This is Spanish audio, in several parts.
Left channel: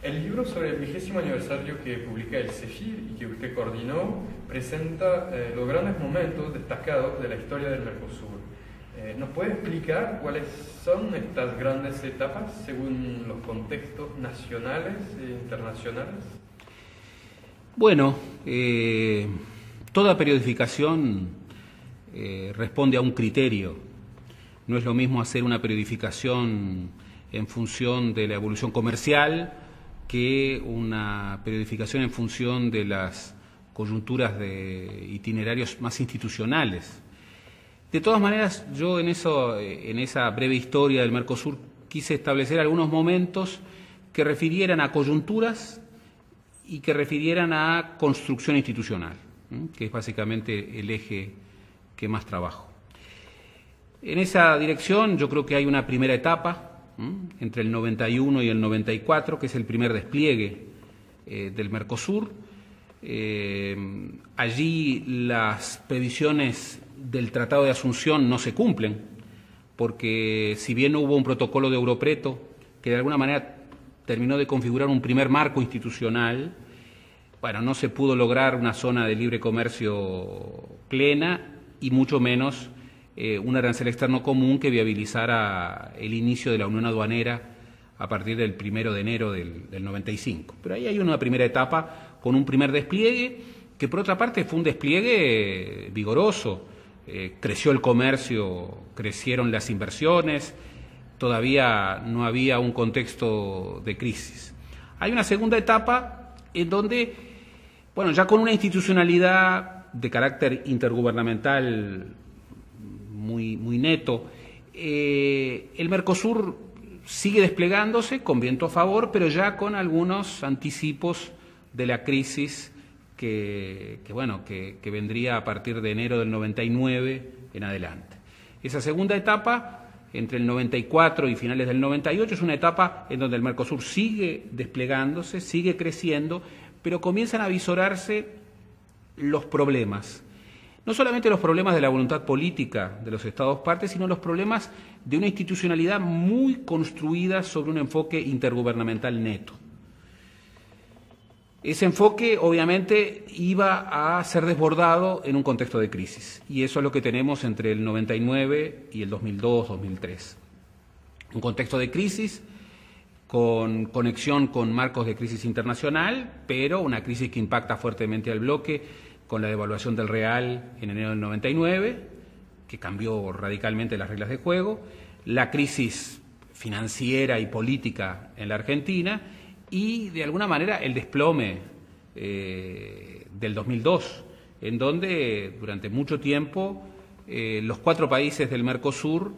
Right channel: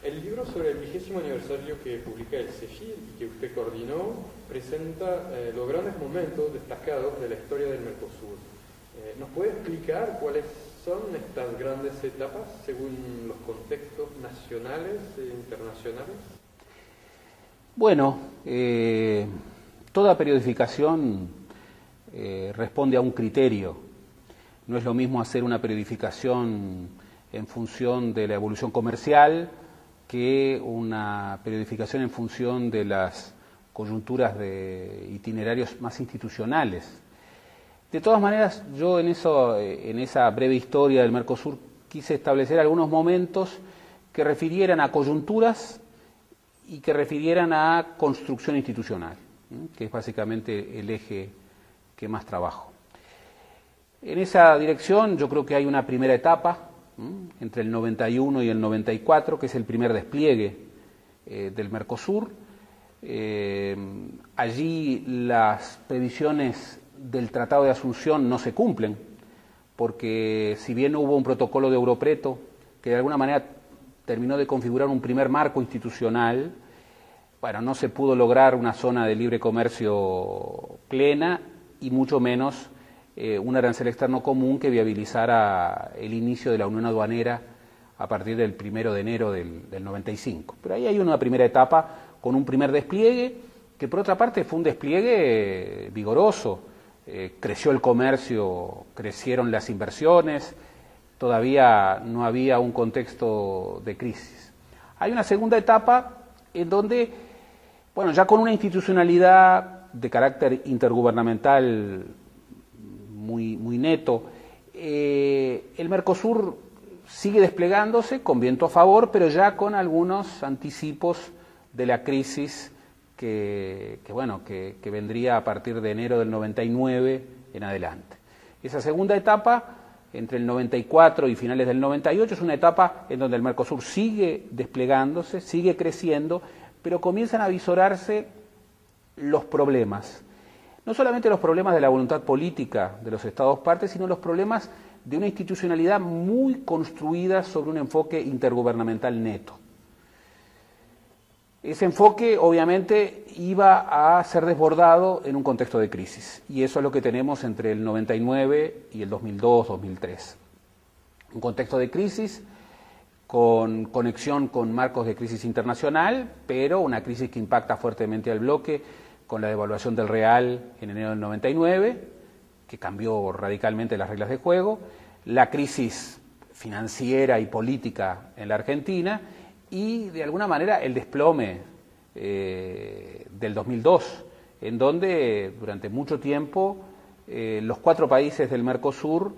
El libro sobre el 20º aniversario que publica el CEFIR y que usted coordinó presenta los grandes momentos destacados de la historia del Mercosur. ¿Nos puede explicar cuáles son estas grandes etapas según los contextos nacionales e internacionales? Bueno, toda periodificación responde a un criterio. No es lo mismo hacer una periodificación en función de la evolución comercial que una periodificación en función de las coyunturas de itinerarios más institucionales. De todas maneras, yo en esa breve historia del Mercosur quise establecer algunos momentos que refirieran a coyunturas y que refirieran a construcción institucional, que es básicamente el eje que más trabajo. En esa dirección yo creo que hay una primera etapa entre el 91 y el 94, que es el primer despliegue del Mercosur. Allí las previsiones del Tratado de Asunción no se cumplen, porque si bien hubo un protocolo de Europreto que de alguna manera terminó de configurar un primer marco institucional, bueno, no se pudo lograr una zona de libre comercio plena y mucho menos un arancel externo común que viabilizara el inicio de la unión aduanera a partir del 1 de enero del 95. Pero ahí hay una primera etapa con un primer despliegue que por otra parte fue un despliegue vigoroso. Creció el comercio, crecieron las inversiones, todavía no había un contexto de crisis. Hay una segunda etapa en donde, bueno, ya con una institucionalidad de carácter intergubernamental muy neto, el Mercosur sigue desplegándose con viento a favor, pero ya con algunos anticipos de la crisis que vendría a partir de enero del 99 en adelante. Esa segunda etapa, entre el 94 y finales del 98, es una etapa en donde el Mercosur sigue desplegándose, sigue creciendo, pero comienzan a visorarse los problemas. No solamente los problemas de la voluntad política de los Estados partes, sino los problemas de una institucionalidad muy construida sobre un enfoque intergubernamental neto. Ese enfoque, obviamente, iba a ser desbordado en un contexto de crisis, y eso es lo que tenemos entre el 99 y el 2002-2003. Un contexto de crisis con conexión con marcos de crisis internacional, pero una crisis que impacta fuertemente al bloque, con la devaluación del real en enero del 99, que cambió radicalmente las reglas de juego, la crisis financiera y política en la Argentina y, de alguna manera, el desplome del 2002, en donde durante mucho tiempo los 4 países del Mercosur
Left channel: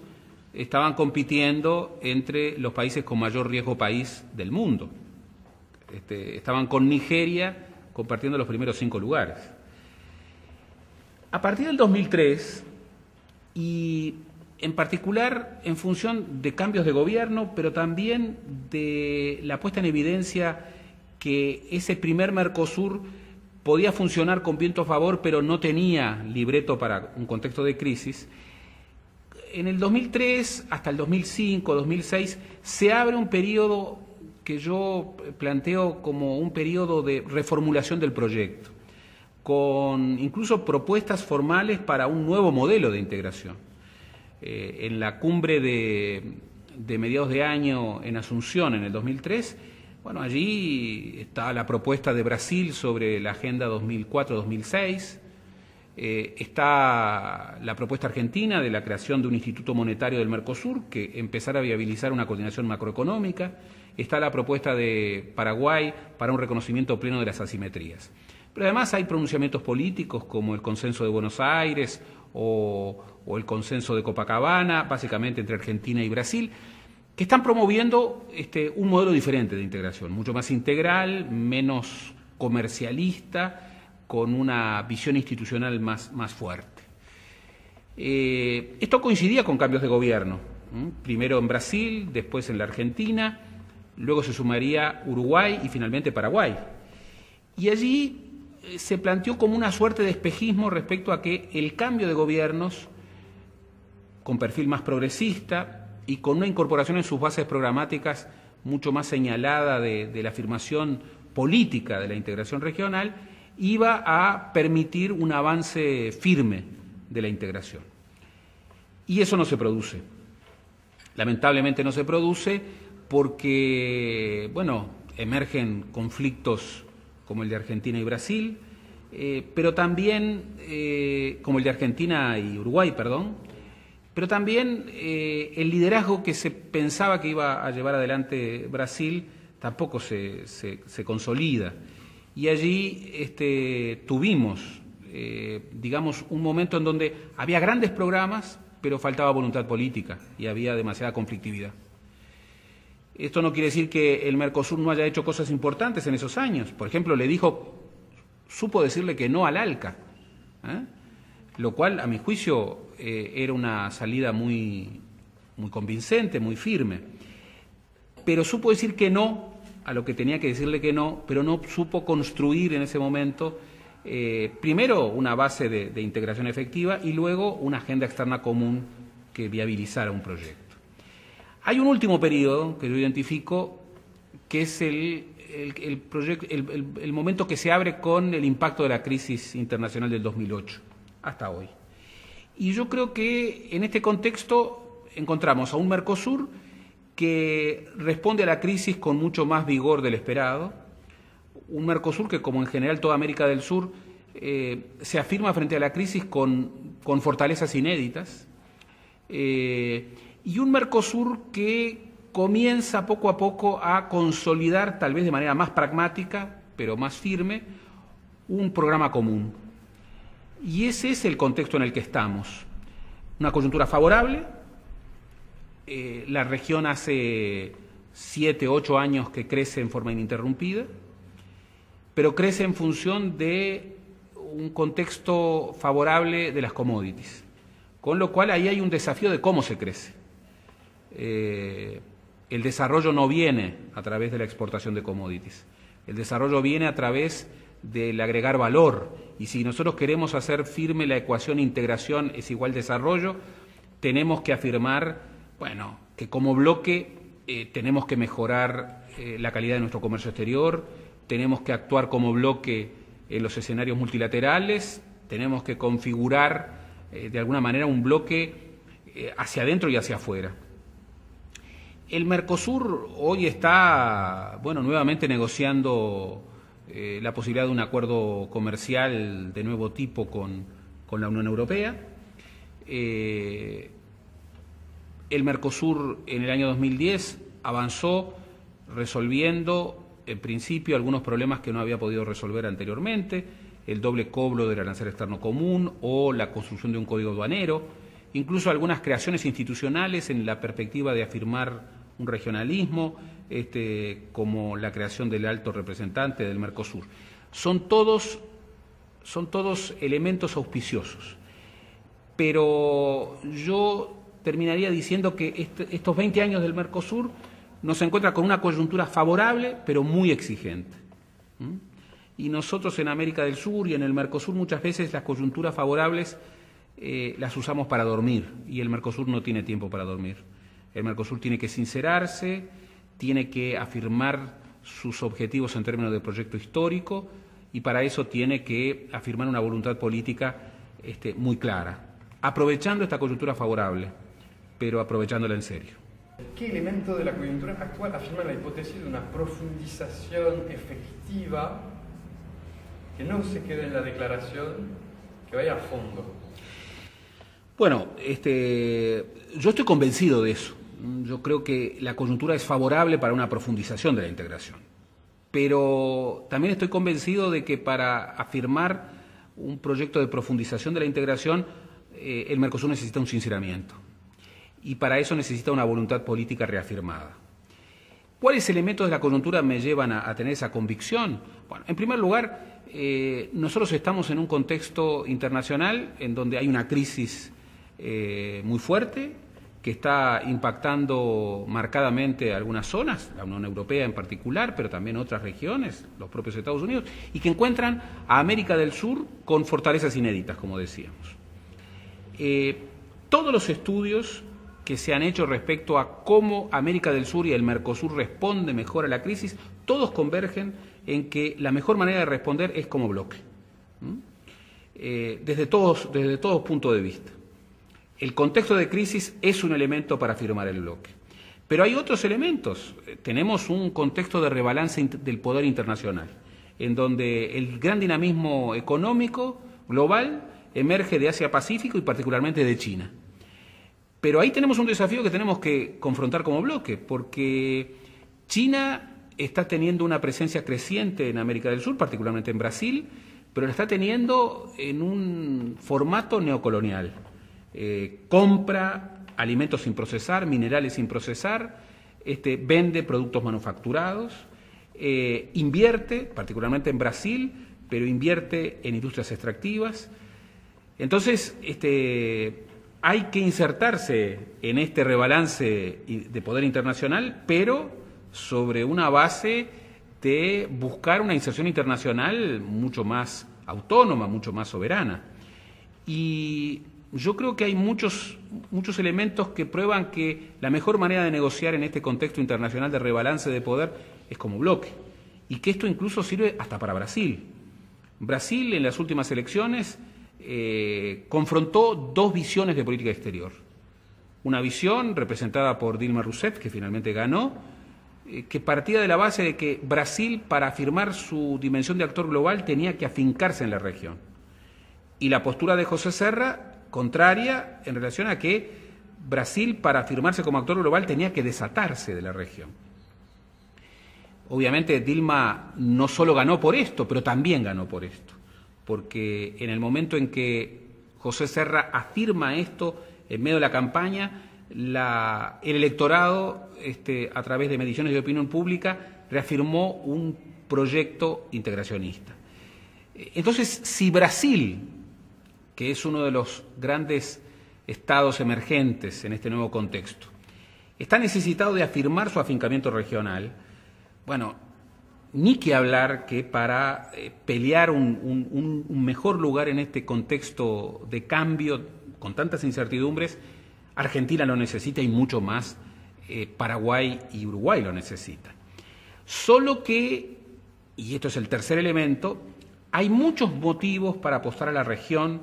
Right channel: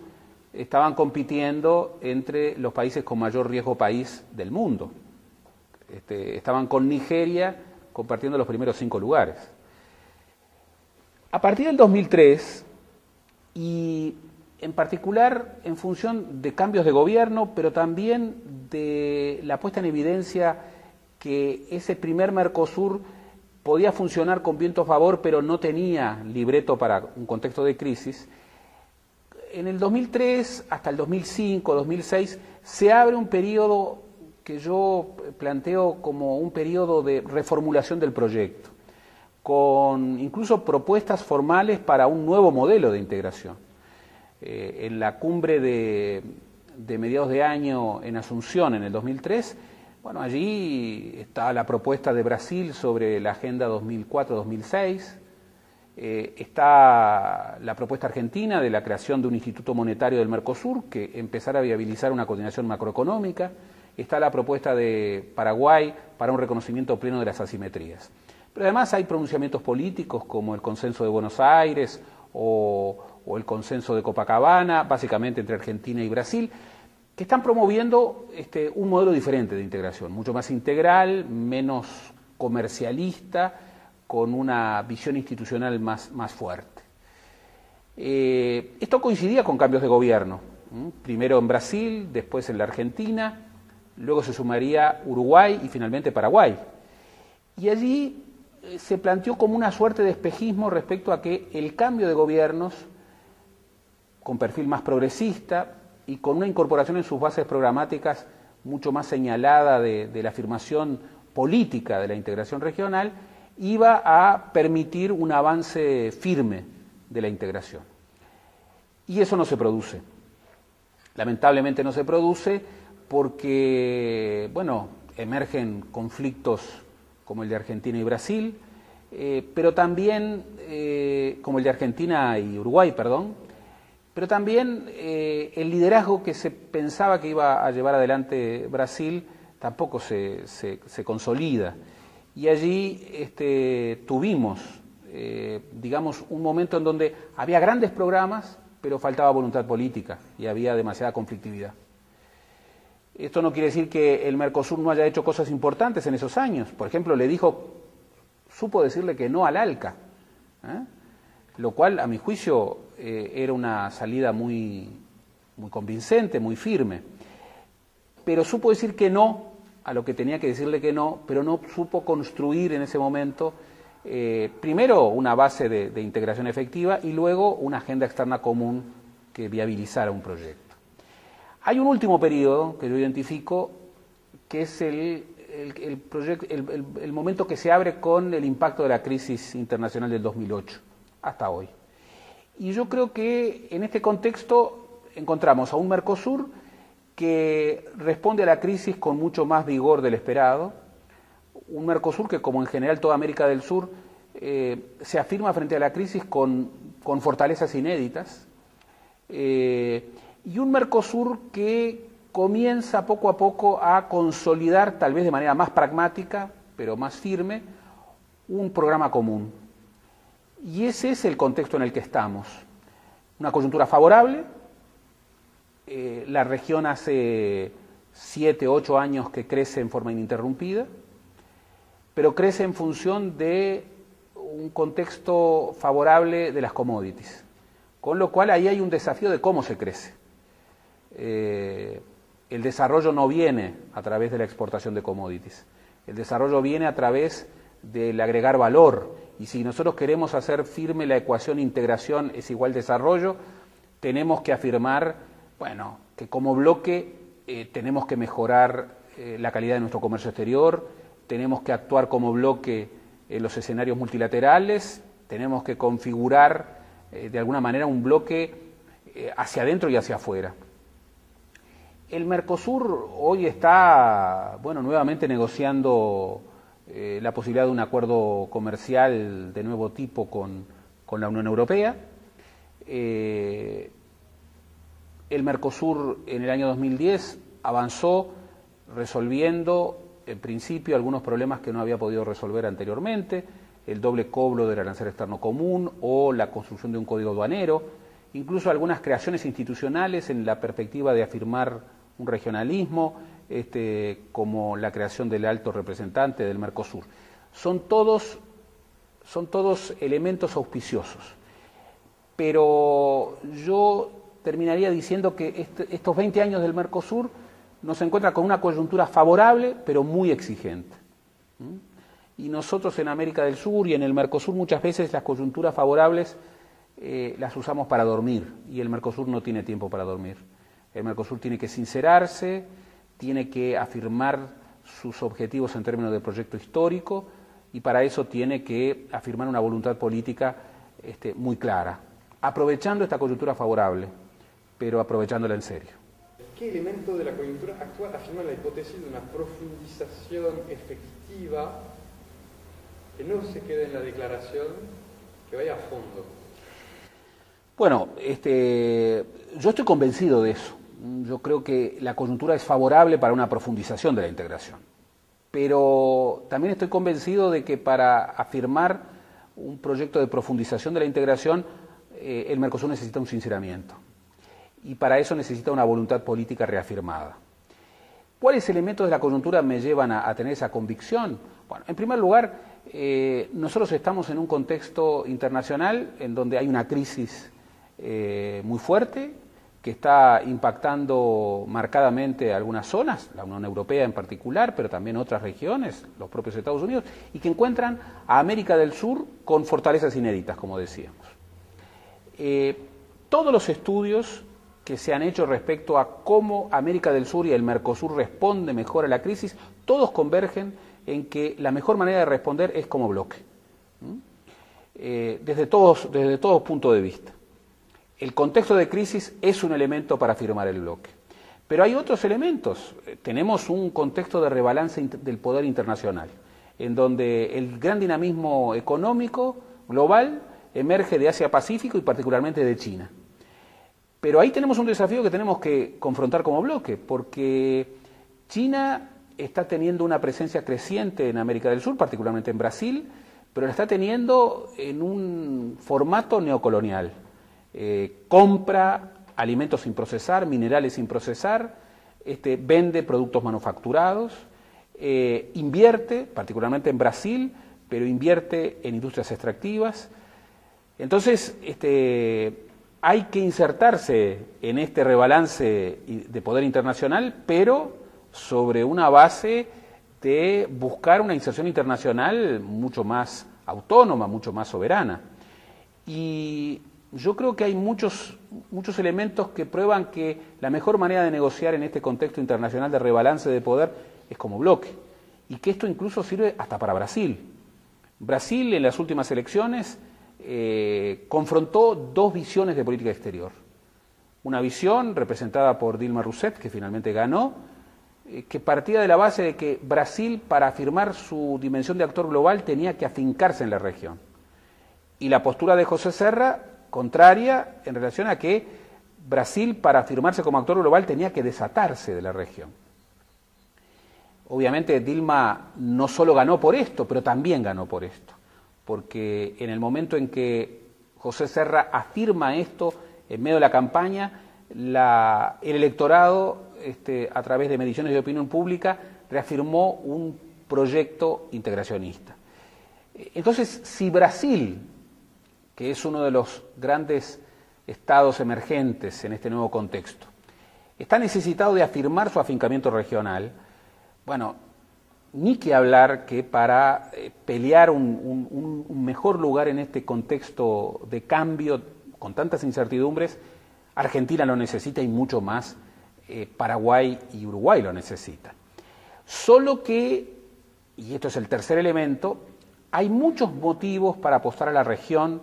estaban compitiendo entre los países con mayor riesgo país del mundo. Estaban con Nigeria compartiendo los primeros 5 lugares. A partir del 2003, y en particular en función de cambios de gobierno, pero también de la puesta en evidencia que ese primer Mercosur podía funcionar con viento a favor, pero no tenía libreto para un contexto de crisis, en el 2003 hasta el 2005, 2006, se abre un periodo que yo planteo como un periodo de reformulación del proyecto, con incluso propuestas formales para un nuevo modelo de integración. En la cumbre de mediados de año en Asunción, en el 2003, bueno, allí está la propuesta de Brasil sobre la Agenda 2004-2006, está la propuesta argentina de la creación de un Instituto Monetario del Mercosur que empezara a viabilizar una coordinación macroeconómica, está la propuesta de Paraguay para un reconocimiento pleno de las asimetrías. Pero además hay pronunciamientos políticos como el Consenso de Buenos Aires o el Consenso de Copacabana, básicamente entre Argentina y Brasil, que están promoviendo un modelo diferente de integración, mucho más integral, menos comercialista, con una visión institucional más fuerte. Esto coincidía con cambios de gobierno, primero en Brasil, después en la Argentina, luego se sumaría Uruguay y finalmente Paraguay. Y allí se planteó como una suerte de espejismo respecto a que el cambio de gobiernos con perfil más progresista y con una incorporación en sus bases programáticas mucho más señalada de la afirmación política de la integración regional, iba a permitir un avance firme de la integración. Y eso no se produce. Lamentablemente no se produce porque, bueno, emergen conflictos como el de Argentina y Brasil, pero también, como el de Argentina y Uruguay, perdón, pero también el liderazgo que se pensaba que iba a llevar adelante Brasil tampoco se consolida. Y allí tuvimos, digamos, un momento en donde había grandes programas, pero faltaba voluntad política y había demasiada conflictividad. Esto no quiere decir que el Mercosur no haya hecho cosas importantes en esos años. Por ejemplo, supo decirle que no al ALCA, lo cual, a mi juicio, era una salida muy convincente, muy firme. Pero supo decir que no a lo que tenía que decirle que no, pero no supo construir en ese momento, primero, una base de integración efectiva y luego una agenda externa común que viabilizara un proyecto. Hay un último periodo que yo identifico, que es el momento que se abre con el impacto de la crisis internacional del 2008 hasta hoy. Y yo creo que en este contexto encontramos a un Mercosur que responde a la crisis con mucho más vigor del esperado, un Mercosur que, como en general toda América del Sur, se afirma frente a la crisis con fortalezas inéditas, y un Mercosur que comienza poco a poco a consolidar, tal vez de manera más pragmática, pero más firme, un programa común. Y ese es el contexto en el que estamos. Una coyuntura favorable. La región hace 7, 8 años que crece en forma ininterrumpida, pero crece en función de un contexto favorable de las commodities. Con lo cual ahí hay un desafío de cómo se crece. El desarrollo no viene a través de la exportación de commodities. El desarrollo viene a través del agregar valor. Y si nosotros queremos hacer firme la ecuación integración es igual desarrollo, tenemos que afirmar, bueno, que como bloque tenemos que mejorar la calidad de nuestro comercio exterior, tenemos que actuar como bloque en los escenarios multilaterales, tenemos que configurar de alguna manera un bloque hacia adentro y hacia afuera. El Mercosur hoy está, bueno, nuevamente negociando la posibilidad de un acuerdo comercial de nuevo tipo con la Unión Europea. El Mercosur en el año 2010 avanzó resolviendo en principio algunos problemas que no había podido resolver anteriormente, el doble cobro del arancel externo común o la construcción de un código aduanero, incluso algunas creaciones institucionales en la perspectiva de afirmar un regionalismo, como la creación del alto representante del Mercosur. Son todos elementos auspiciosos. Pero yo terminaría diciendo que estos 20 años del Mercosur nos encuentra con una coyuntura favorable, pero muy exigente. Y nosotros en América del Sur y en el Mercosur muchas veces las coyunturas favorables las usamos para dormir, y el Mercosur no tiene tiempo para dormir. El Mercosur tiene que sincerarse, tiene que afirmar sus objetivos en términos de proyecto histórico, y para eso tiene que afirmar una voluntad política muy clara, aprovechando esta coyuntura favorable, pero aprovechándola en serio. ¿Qué elemento de la coyuntura actual afirma la hipótesis de una profundización efectiva que no se quede en la declaración, que vaya a fondo? Bueno, yo estoy convencido de eso. Yo creo que la coyuntura es favorable para una profundización de la integración. Pero también estoy convencido de que para afirmar un proyecto de profundización de la integración, el Mercosur necesita un sinceramiento. Y para eso necesita una voluntad política reafirmada. ¿Cuáles elementos de la coyuntura me llevan a tener esa convicción? Bueno, en primer lugar, nosotros estamos en un contexto internacional en donde hay una crisis muy fuerte que está impactando marcadamente algunas zonas, la Unión Europea en particular, pero también otras regiones, los propios Estados Unidos, y que encuentran a América del Sur con fortalezas inéditas, como decíamos. Todos los estudios que se han hecho respecto a cómo América del Sur y el Mercosur responde mejor a la crisis, todos convergen en que la mejor manera de responder es como bloque, desde todos puntos de vista. El contexto de crisis es un elemento para firmar el bloque, pero hay otros elementos. Tenemos un contexto de rebalance del poder internacional, en donde el gran dinamismo económico global emerge de Asia-Pacífico y particularmente de China. Pero ahí tenemos un desafío que tenemos que confrontar como bloque, porque China está teniendo una presencia creciente en América del Sur, particularmente en Brasil, pero la está teniendo en un formato neocolonial. Compra alimentos sin procesar, minerales sin procesar, vende productos manufacturados, invierte, particularmente en Brasil, pero invierte en industrias extractivas. Entonces, hay que insertarse en este rebalance de poder internacional, pero sobre una base de buscar una inserción internacional mucho más autónoma, mucho más soberana. Y yo creo que hay muchos elementos que prueban que la mejor manera de negociar en este contexto internacional de rebalance de poder es como bloque, y que esto incluso sirve hasta para Brasil. Brasil en las últimas elecciones confrontó dos visiones de política exterior. Una visión representada por Dilma Rousseff, que finalmente ganó, que partía de la base de que Brasil, para afirmar su dimensión de actor global, tenía que afincarse en la región. Y la postura de José Serra, contraria, en relación a que Brasil, para afirmarse como actor global, tenía que desatarse de la región. Obviamente Dilma no solo ganó por esto, pero también ganó por esto, porque en el momento en que José Serra afirma esto en medio de la campaña, el electorado, a través de mediciones de opinión pública, reafirmó un proyecto integracionista. Entonces, si Brasil, que es uno de los grandes estados emergentes en este nuevo contexto, está necesitado de afirmar su afincamiento regional, bueno, ni que hablar que para pelear un mejor lugar en este contexto de cambio con tantas incertidumbres, Argentina lo necesita y mucho más Paraguay y Uruguay lo necesitan. Solo que, y esto es el tercer elemento, hay muchos motivos para apostar a la región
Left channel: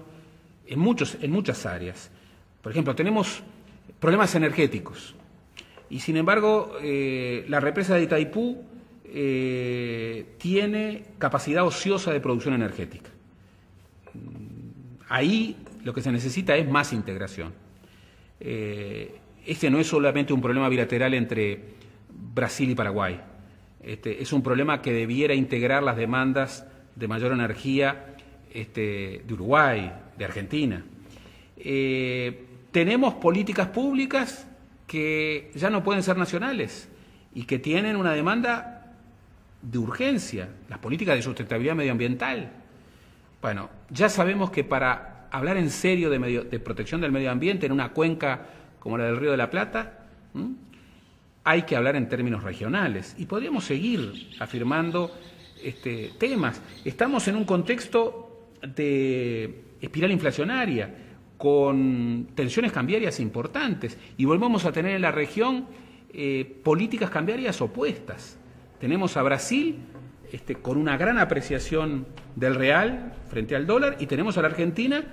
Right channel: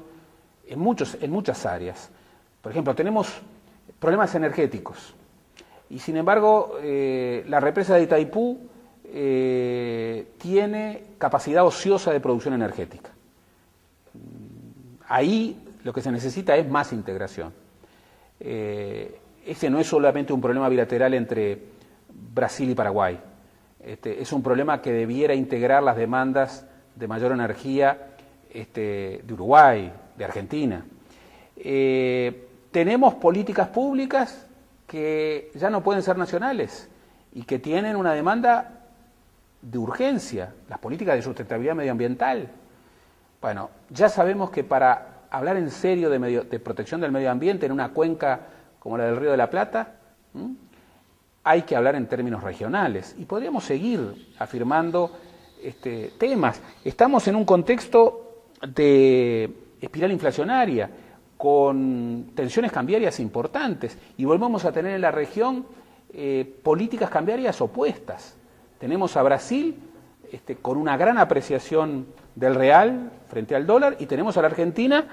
en muchas áreas. Por ejemplo, tenemos problemas energéticos y sin embargo la represa de Itaipú tiene capacidad ociosa de producción energética. Ahí lo que se necesita es más integración. Este no es solamente un problema bilateral entre Brasil y Paraguay. Es un problema que debiera integrar las demandas de mayor energía de Uruguay, de Argentina. Tenemos políticas públicas que ya no pueden ser nacionales y que tienen una demanda de urgencia, las políticas de sustentabilidad medioambiental. Bueno, ya sabemos que para hablar en serio de protección del medio ambiente en una cuenca como la del Río de la Plata, hay que hablar en términos regionales y podríamos seguir afirmando temas. Estamos en un contexto de espiral inflacionaria con tensiones cambiarias importantes y volvemos a tener en la región políticas cambiarias opuestas. Tenemos a Brasil con una gran apreciación del real frente al dólar y tenemos a la Argentina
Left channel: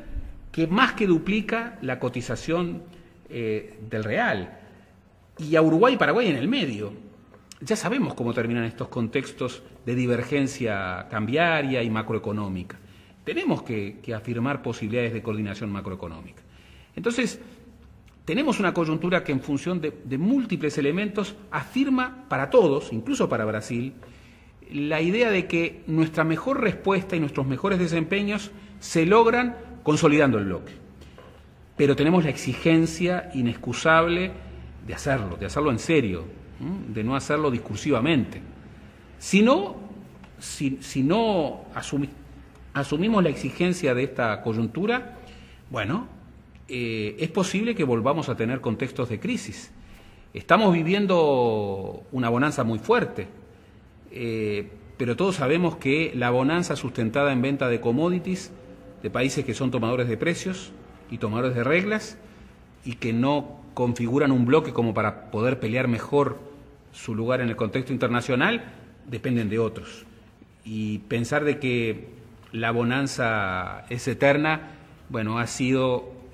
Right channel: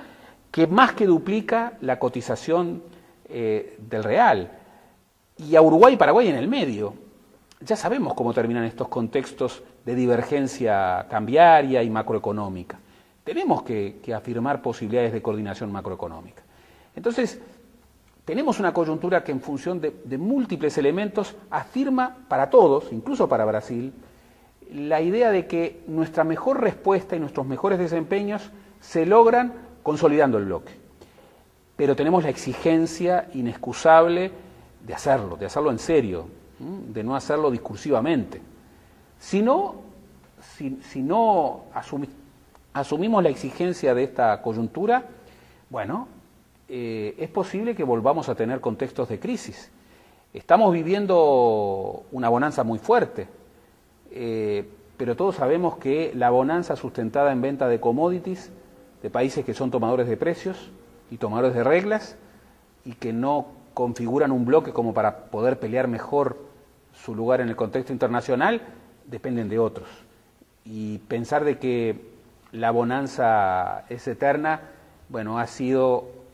que más que duplica la cotización del real, y a Uruguay y Paraguay en el medio. Ya sabemos cómo terminan estos contextos de divergencia cambiaria y macroeconómica. Tenemos que afirmar posibilidades de coordinación macroeconómica. Entonces, tenemos una coyuntura que en función de múltiples elementos afirma para todos, incluso para Brasil, la idea de que nuestra mejor respuesta y nuestros mejores desempeños se logran consolidando el bloque. Pero tenemos la exigencia inexcusable de hacerlo en serio, de no hacerlo discursivamente. Si no asumimos la exigencia de esta coyuntura, bueno, es posible que volvamos a tener contextos de crisis. Estamos viviendo una bonanza muy fuerte, pero todos sabemos que la bonanza sustentada en venta de commodities de países que son tomadores de precios y tomadores de reglas y que no configuran un bloque como para poder pelear mejor su lugar en el contexto internacional, dependen de otros. Y pensar de que la bonanza es eterna, bueno, ha sido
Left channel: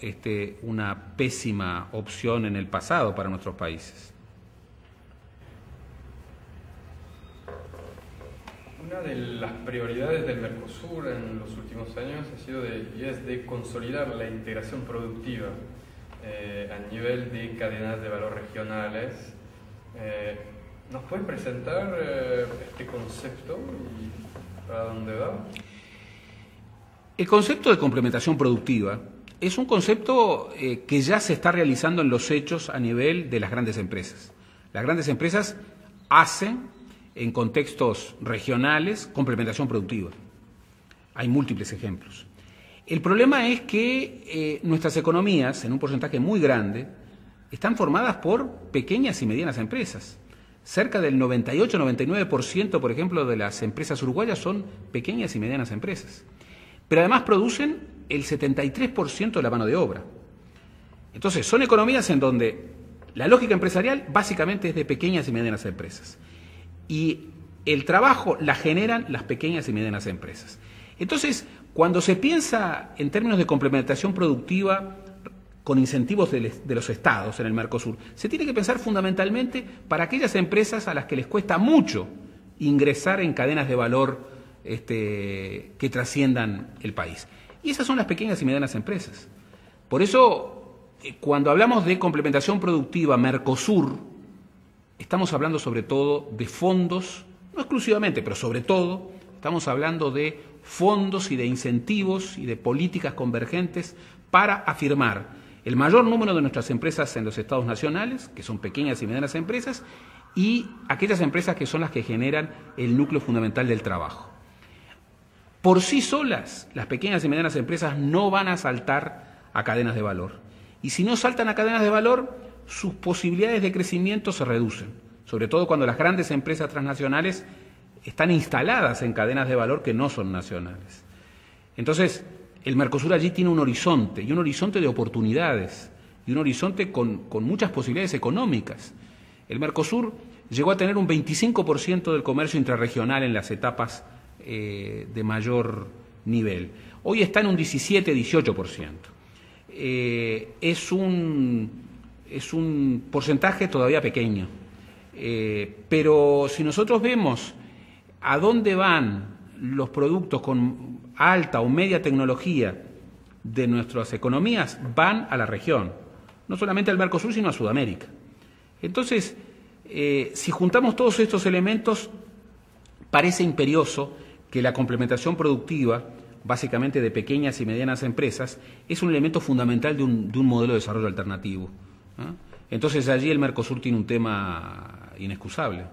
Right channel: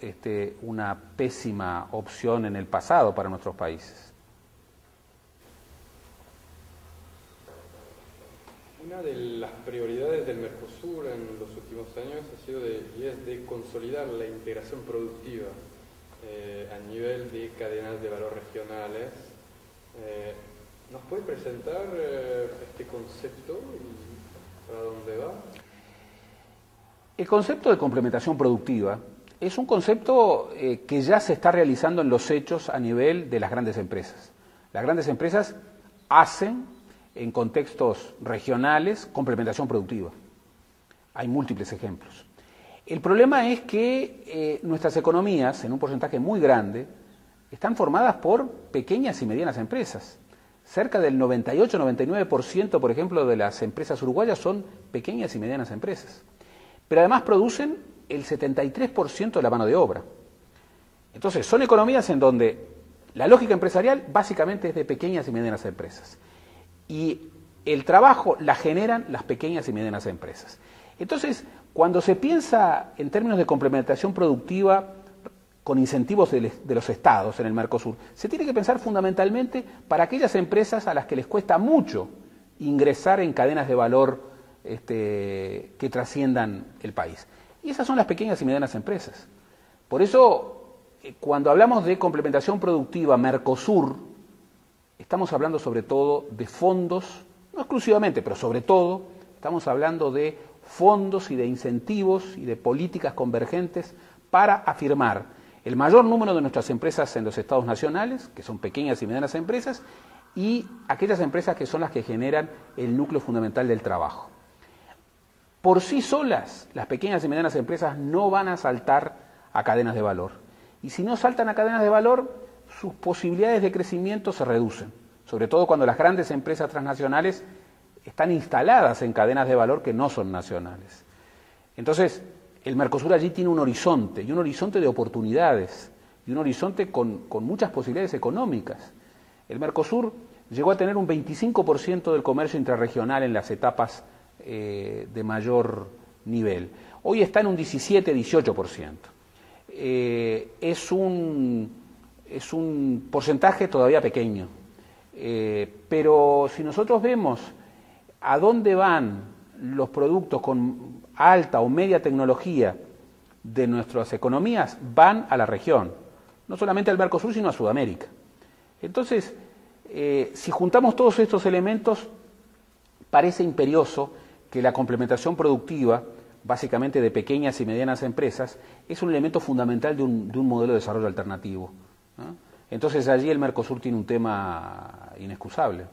una pésima opción en el pasado para nuestros países. Una de las prioridades del Mercosur en los últimos años ha sido de consolidar la integración productiva a nivel de cadenas de valor regionales. ¿Nos puede presentar este concepto y para dónde va? El concepto de complementación productiva es un concepto que ya se está realizando en los hechos a nivel de las grandes empresas. Las grandes empresas hacen en contextos regionales complementación productiva. Hay múltiples ejemplos. El problema es que nuestras economías, en un porcentaje muy grande, están formadas por pequeñas y medianas empresas. Cerca del 98-99%, por ejemplo, de las empresas uruguayas son pequeñas y medianas empresas. Pero además producen el 73% de la mano de obra. Entonces, son economías en donde la lógica empresarial básicamente es de pequeñas y medianas empresas. Y el trabajo la generan las pequeñas y medianas empresas. Entonces, cuando se piensa en términos de complementación productiva con incentivos de los estados en el Mercosur, se tiene que pensar fundamentalmente para aquellas empresas a las que les cuesta mucho ingresar en cadenas de valor que trasciendan el país. Y esas son las pequeñas y medianas empresas. Por eso, cuando hablamos de complementación productiva Mercosur, estamos hablando sobre todo de fondos, no exclusivamente, pero sobre todo, estamos hablando de fondos y de incentivos y de políticas convergentes para afirmar el mayor número de nuestras empresas en los estados nacionales, que son pequeñas y medianas empresas, y aquellas empresas que son las que generan el núcleo fundamental del trabajo. Por sí solas, las pequeñas y medianas empresas no van a saltar a cadenas de valor. Y si no saltan a cadenas de valor, sus posibilidades de crecimiento se reducen, sobre todo cuando las grandes empresas transnacionales están instaladas en cadenas de valor que no son nacionales. Entonces, el Mercosur allí tiene un horizonte, y un horizonte de oportunidades, y un horizonte con muchas posibilidades económicas. El Mercosur llegó a tener un 25% del comercio intrarregional en las etapas de mayor nivel. Hoy está en un 17-18%. Es un porcentaje todavía pequeño, pero si nosotros vemos a dónde van los productos con alta o media tecnología de nuestras economías, van a la región, no solamente al Mercosur, sino a Sudamérica. Entonces, si juntamos todos estos elementos, parece imperioso que la complementación productiva, básicamente de pequeñas y medianas empresas, es un elemento fundamental de un modelo de desarrollo alternativo, ¿no? Entonces allí el Mercosur tiene un tema inexcusable.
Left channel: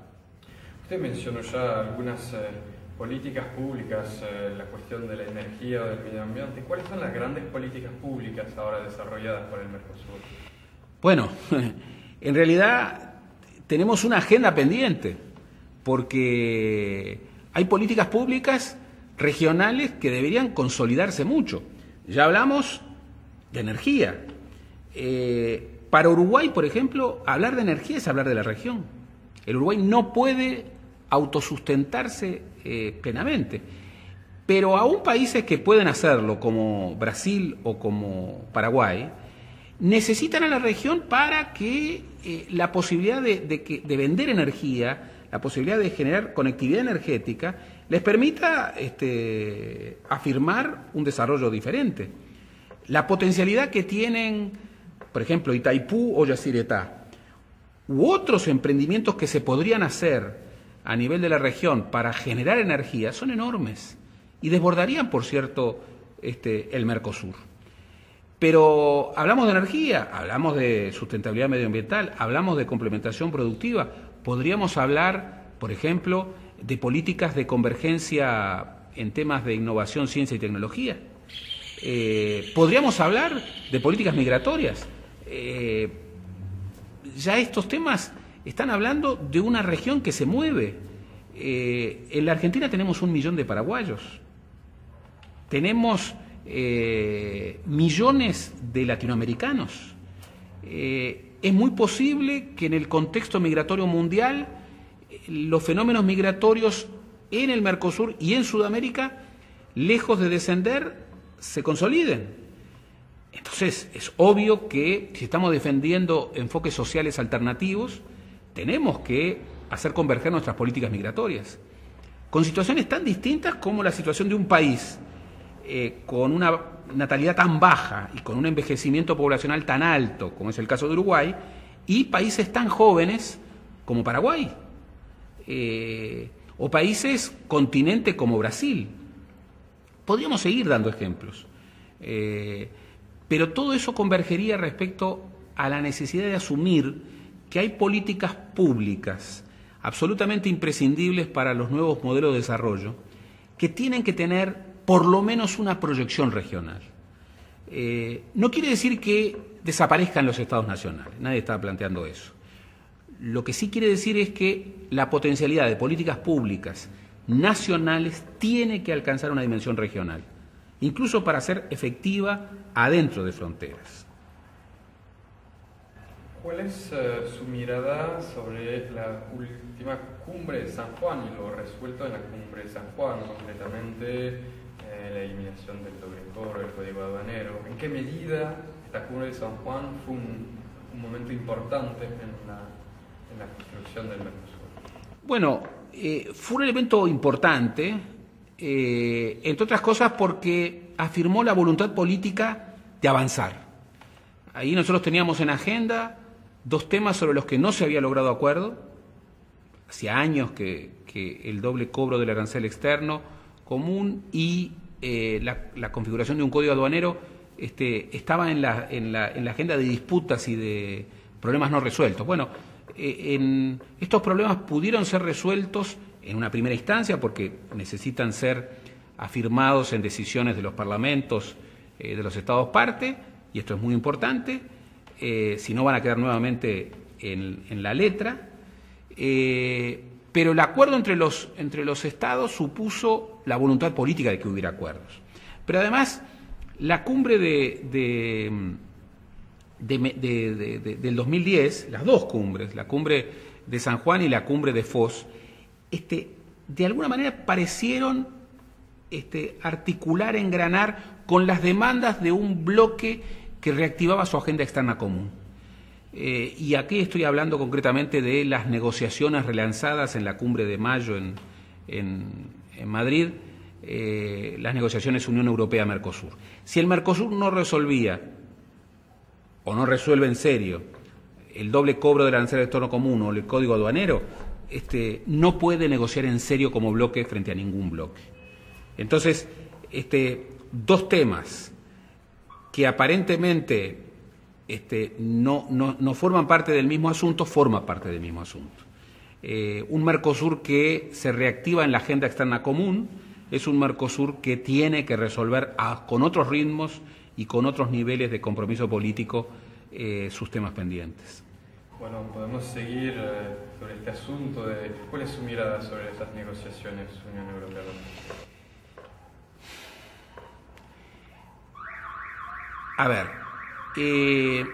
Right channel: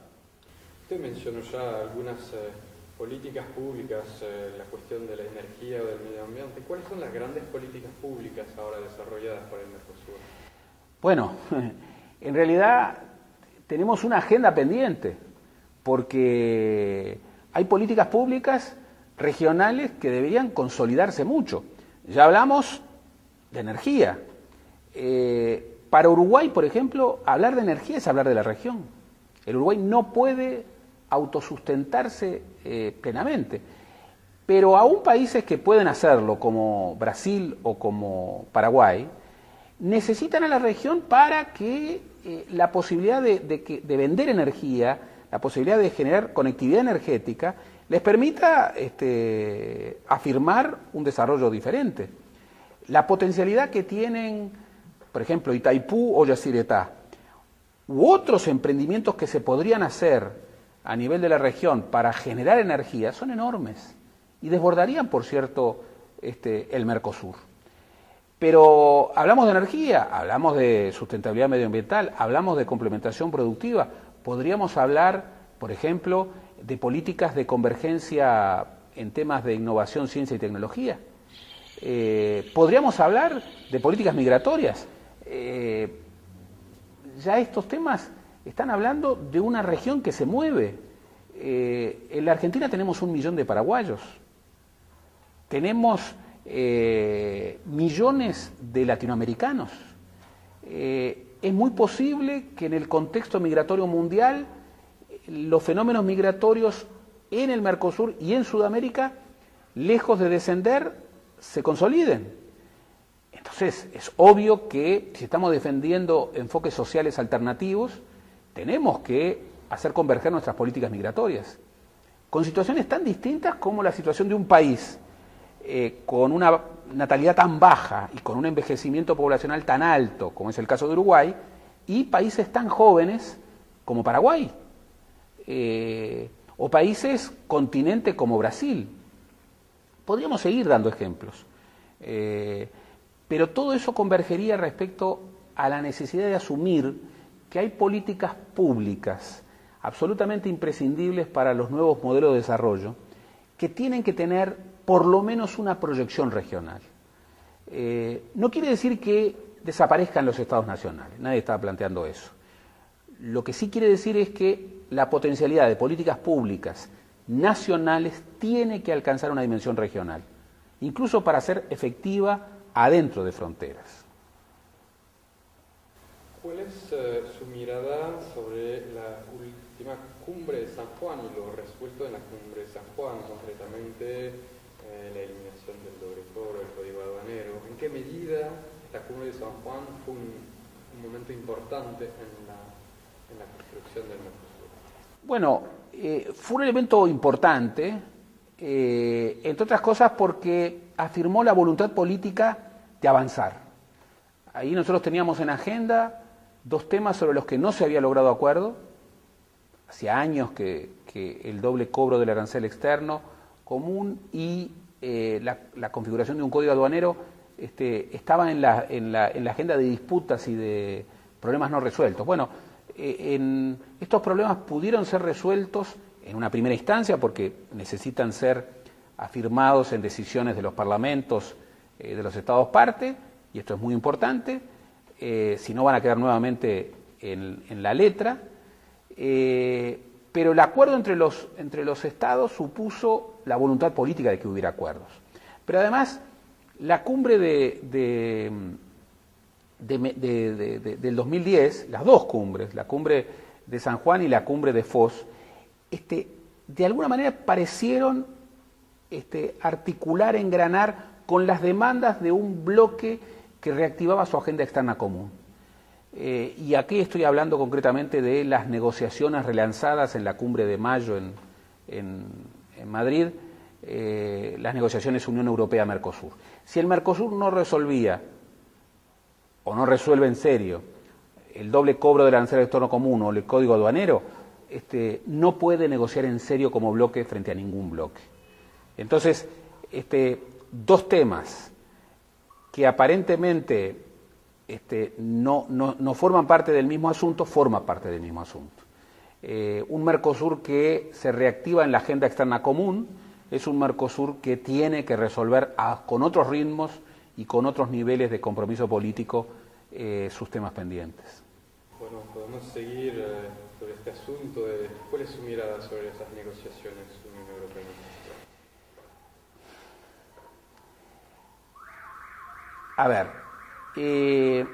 Usted mencionó ya algunas políticas públicas, la cuestión de la energía o del medio ambiente. ¿Cuáles son las grandes políticas públicas ahora desarrolladas por el Mercosur? Bueno, en realidad tenemos una agenda pendiente, porque hay políticas públicas regionales que deberían consolidarse mucho. Ya hablamos de energía. Para Uruguay, por ejemplo, hablar de energía es hablar de la región. El Uruguay no puede autosustentarse plenamente. Pero aún países que pueden hacerlo, como Brasil o como Paraguay, necesitan a la región para que la posibilidad de vender energía, la posibilidad de generar conectividad energética, les permita afirmar un desarrollo diferente. La potencialidad que tienen, por ejemplo, Itaipú o Yacyretá, u otros emprendimientos que se podrían hacer a nivel de la región para generar energía, son enormes y desbordarían, por cierto, el Mercosur. Pero hablamos de energía, hablamos de sustentabilidad medioambiental, hablamos de complementación productiva. Podríamos hablar, por ejemplo, de políticas de convergencia en temas de innovación, ciencia y tecnología. Podríamos hablar de políticas migratorias. Ya estos temas están hablando de una región que se mueve. En la Argentina tenemos 1 millón de paraguayos. Tenemos millones de latinoamericanos. Es es muy posible que en el contexto migratorio mundial los fenómenos migratorios en el Mercosur y en Sudamérica, lejos de descender, se consoliden. Entonces, es obvio que si estamos defendiendo enfoques sociales alternativos, tenemos que hacer converger nuestras políticas migratorias. Con situaciones tan distintas como la situación de un país con una natalidad tan baja y con un envejecimiento poblacional tan alto, como es el caso de Uruguay, y países tan jóvenes como Paraguay, o países continente como Brasil. Podríamos seguir dando ejemplos, pero todo eso convergería respecto a la necesidad de asumir que hay políticas públicas absolutamente imprescindibles para los nuevos modelos de desarrollo que tienen que tener por lo menos una proyección regional. No quiere decir que desaparezcan los estados nacionales, nadie está planteando eso. Lo que sí quiere decir es que la potencialidad de políticas públicas nacionales tiene que alcanzar una dimensión regional, incluso para ser efectiva adentro de fronteras. ¿Cuál es su mirada sobre la última cumbre de San Juan y lo resuelto en la cumbre de San Juan, concretamente la eliminación del doble cobro, el código aduanero? ¿En qué medida esta cumbre de San Juan fue un momento importante en la construcción del Mercosur? Bueno, fue un elemento importante, entre otras cosas porque afirmó la voluntad política de avanzar. Ahí nosotros teníamos en agenda dos temas sobre los que no se había logrado acuerdo. Hacía años que el doble cobro del arancel externo común y la configuración de un código aduanero estaban en la agenda de disputas y de problemas no resueltos. Bueno, estos problemas pudieron ser resueltos en una primera instancia porque necesitan ser afirmados en decisiones de los parlamentos de los estados parte, y esto es muy importante, si no van a quedar nuevamente en la letra, pero el acuerdo entre los estados supuso la voluntad política de que hubiera acuerdos. Pero además, la cumbre del 2010, las dos cumbres, la cumbre de San Juan y la cumbre de Foz, de alguna manera parecieron articular, engranar con las demandas de un bloque que reactivaba su agenda externa común. Y aquí estoy hablando concretamente de las negociaciones relanzadas en la cumbre de mayo en Madrid, las negociaciones Unión Europea-Mercosur. Si el Mercosur no resolvía o no resuelve en serio el doble cobro del arancel externo común o el código aduanero, no puede negociar en serio como bloque frente a ningún bloque. Entonces, dos temas que aparentemente no forman parte del mismo asunto, forman parte del mismo asunto. Un Mercosur que se reactiva en la agenda externa común es un Mercosur que tiene que resolver con otros ritmos y con otros niveles de compromiso político sus temas pendientes. Bueno, podemos seguir sobre este asunto de cuál es su mirada sobre estas negociaciones Unión Europea. A ver, en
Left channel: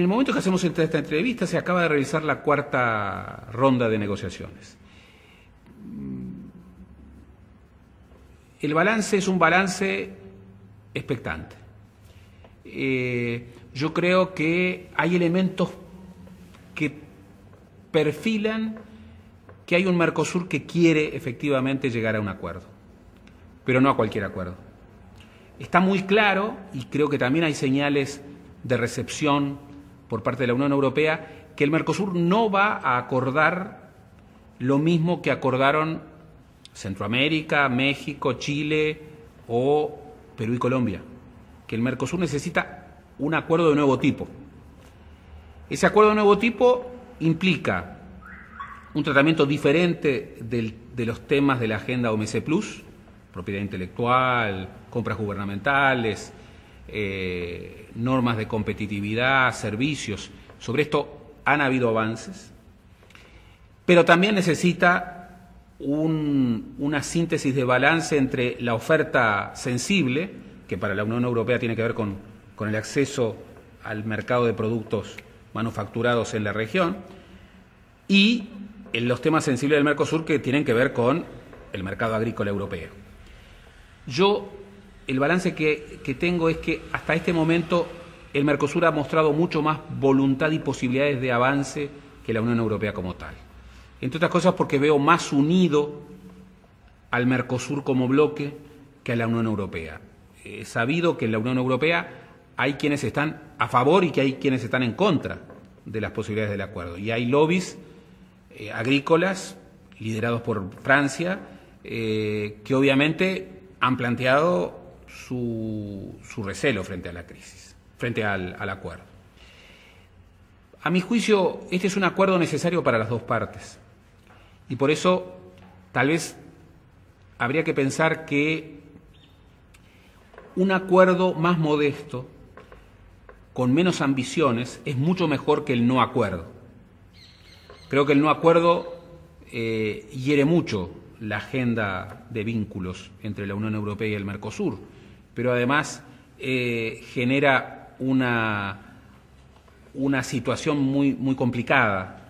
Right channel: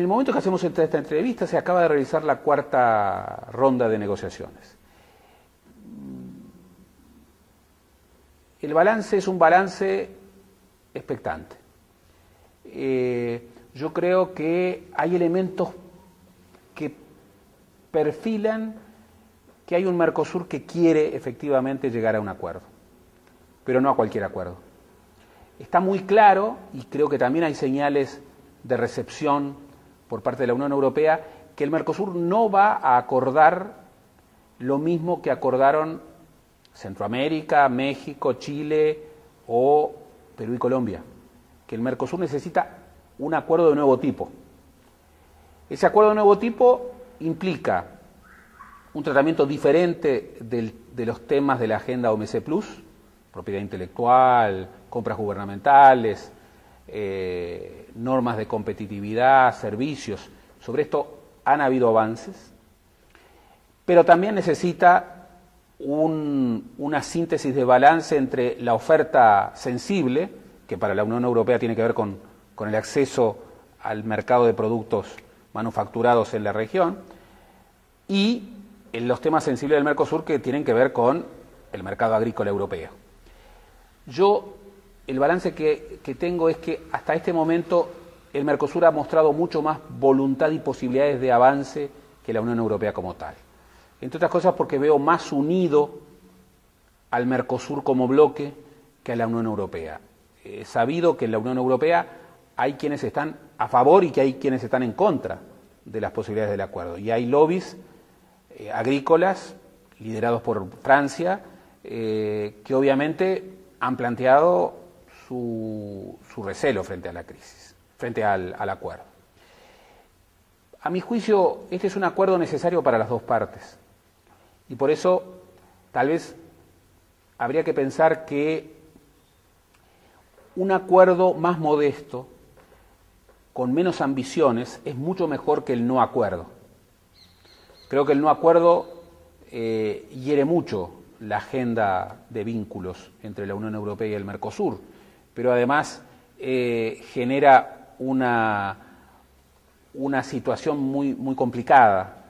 el momento que hacemos esta entrevista se acaba de realizar la cuarta ronda de negociaciones. El balance es un balance expectante. Yo creo que hay elementos que perfilan que hay un Mercosur que quiere efectivamente llegar a un acuerdo, pero no a cualquier acuerdo. Está muy claro, y creo que también hay señales de recepción por parte de la Unión Europea, que el Mercosur no va a acordar lo mismo que acordaron Centroamérica, México, Chile o Perú y Colombia. Que el Mercosur necesita un acuerdo de nuevo tipo. Ese acuerdo de nuevo tipo implica un tratamiento diferente de los temas de la agenda OMC+, propiedad intelectual, compras gubernamentales, normas de competitividad, servicios. Sobre esto han habido avances, pero también necesita una síntesis de balance entre la oferta sensible, que para la Unión Europea tiene que ver con el acceso al mercado de productos manufacturados en la región, y en los temas sensibles del Mercosur que tienen que ver con el mercado agrícola europeo. El balance que tengo es que hasta este momento el Mercosur ha mostrado mucho más voluntad y posibilidades de avance que la Unión Europea como tal. Entre otras cosas porque veo más unido al Mercosur como bloque que a la Unión Europea. He sabido que en la Unión Europea hay quienes están a favor y que hay quienes están en contra de las posibilidades del acuerdo. Y hay lobbies agrícolas liderados por Francia que obviamente han planteado su recelo frente a la crisis, frente al acuerdo. A mi juicio, este es un acuerdo necesario para las dos partes y por eso tal vez habría que pensar que un acuerdo más modesto, con menos ambiciones, es mucho mejor que el no acuerdo. Creo que el no acuerdo hiere mucho la agenda de vínculos entre la Unión Europea y el Mercosur, pero además genera una situación muy complicada.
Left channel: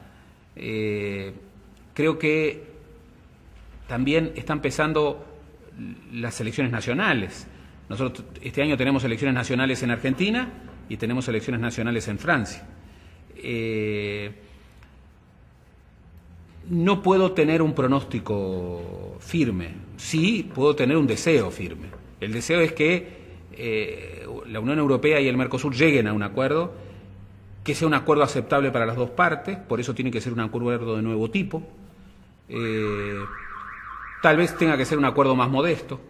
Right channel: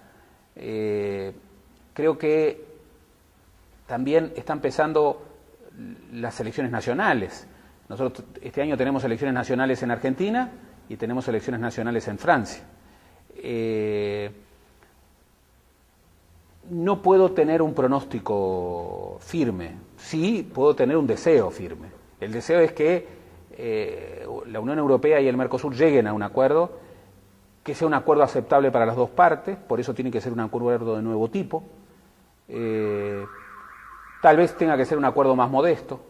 Creo que también están empezando las elecciones nacionales. Nosotros este año tenemos elecciones nacionales en Argentina y tenemos elecciones nacionales en Francia. No puedo tener un pronóstico firme, sí puedo tener un deseo firme. El deseo es que la Unión Europea y el Mercosur lleguen a un acuerdo, que sea un acuerdo aceptable para las dos partes, por eso tiene que ser un acuerdo de nuevo tipo. Tal vez tenga que ser un acuerdo más modesto,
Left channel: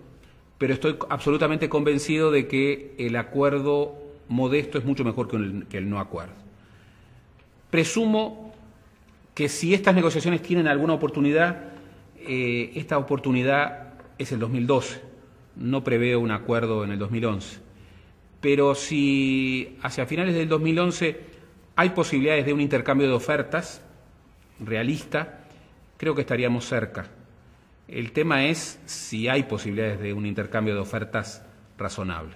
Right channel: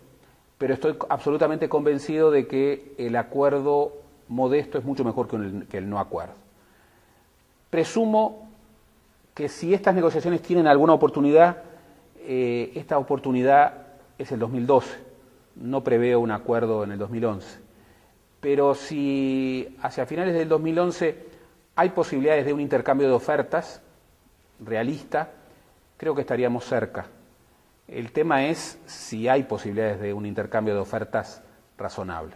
pero estoy absolutamente convencido de que el acuerdo modesto es mucho mejor que el no acuerdo. Presumo que si estas negociaciones tienen alguna oportunidad, esta oportunidad es el 2012. No preveo un acuerdo en el 2011. Pero si hacia finales del 2011 hay posibilidades de un intercambio de ofertas realista, creo que estaríamos cerca. El tema es si hay posibilidades de un intercambio de ofertas razonable.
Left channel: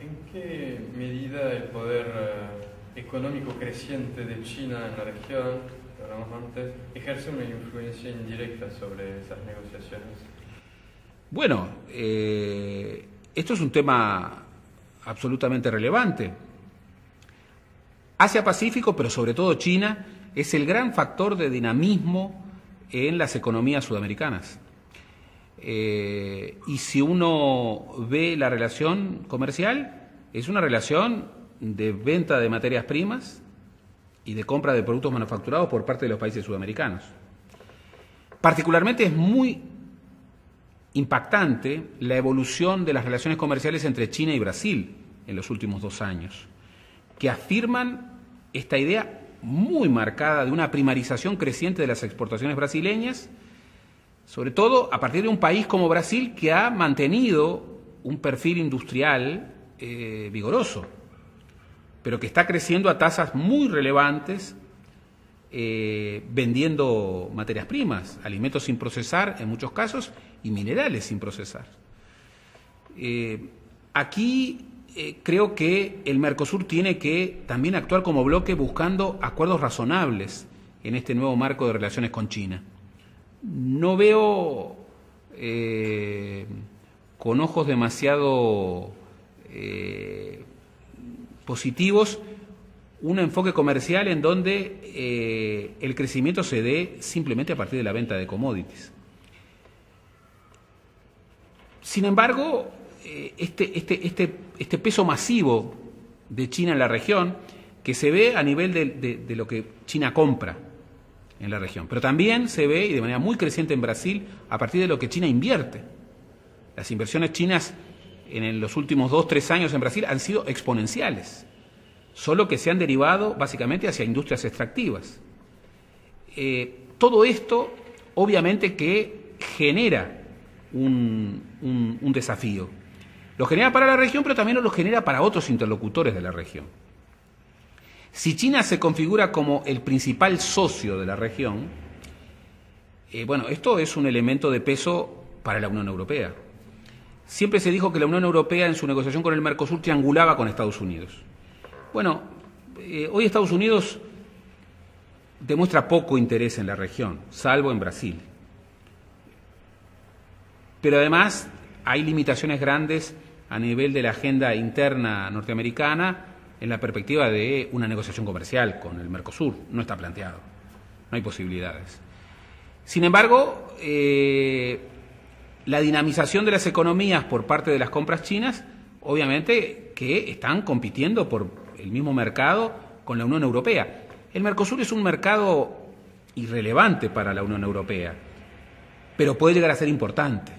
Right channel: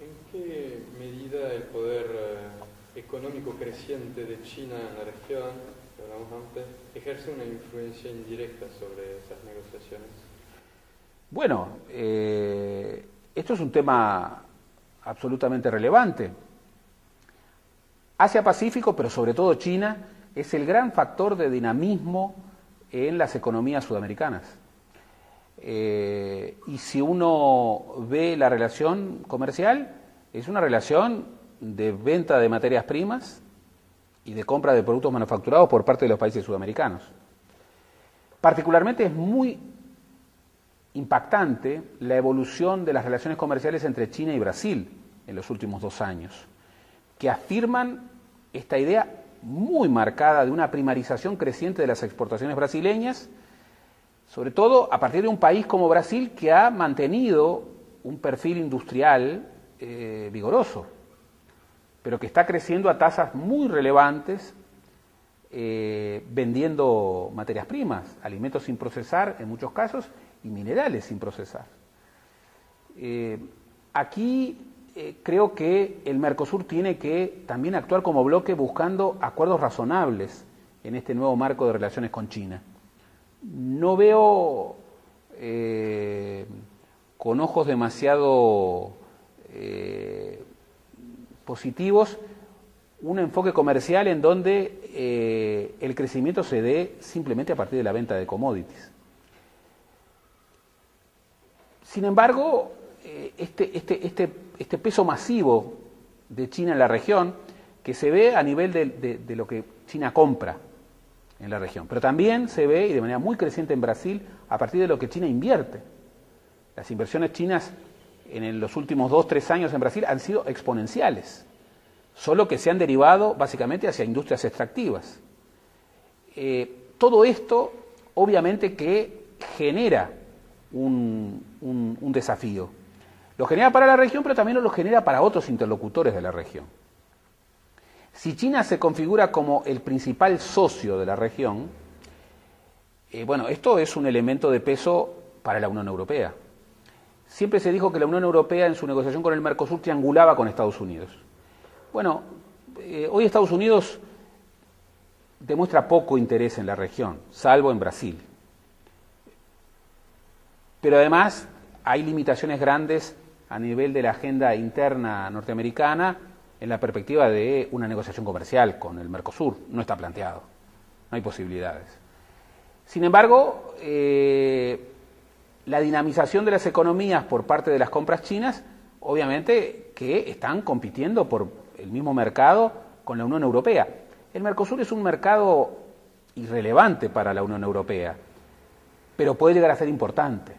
¿En qué medida el poder económico creciente de China en la región, que hablamos antes, ejerce una influencia indirecta sobre esas negociaciones? Bueno, esto es un tema absolutamente relevante. Asia-Pacífico, pero sobre todo China, es el gran factor de dinamismo en las economías sudamericanas. Y si uno ve la relación comercial, es una relación de venta de materias primas y de compra de productos manufacturados por parte de los países sudamericanos. Particularmente es muy impactante la evolución de las relaciones comerciales entre China y Brasil en los últimos 2 años, que afirman esta idea muy marcada de una primarización creciente de las exportaciones brasileñas, sobre todo a partir de un país como Brasil que ha mantenido un perfil industrial vigoroso, pero que está creciendo a tasas muy relevantes, vendiendo materias primas, alimentos sin procesar en muchos casos y minerales sin procesar. Aquí creo que el Mercosur tiene que también actuar como bloque buscando acuerdos razonables en este nuevo marco de relaciones con China. No veo con ojos demasiado positivos un enfoque comercial en donde el crecimiento se dé simplemente a partir de la venta de commodities. Sin embargo, este peso masivo de China en la región, que se ve a nivel de lo que China compra en la región, pero también se ve, y de manera muy creciente en Brasil, a partir de lo que China invierte. Las inversiones chinas en los últimos 2-3 años en Brasil han sido exponenciales, solo que se han derivado básicamente hacia industrias extractivas. Todo esto, obviamente, que genera un desafío. Lo genera para la región, pero también lo genera para otros interlocutores de la región. Si China se configura como el principal socio de la región, bueno, esto es un elemento de peso para la Unión Europea. Siempre se dijo que la Unión Europea en su negociación con el Mercosur triangulaba con Estados Unidos. Bueno, hoy Estados Unidos demuestra poco interés en la región, salvo en Brasil. Pero además hay limitaciones grandes a nivel de la agenda interna norteamericana en la perspectiva de una negociación comercial con el Mercosur. No está planteado, no hay posibilidades. Sin embargo, la dinamización de las economías por parte de las compras chinas, obviamente que están compitiendo por el mismo mercado con la Unión Europea. El Mercosur es un mercado irrelevante para la Unión Europea, pero puede llegar a ser importante.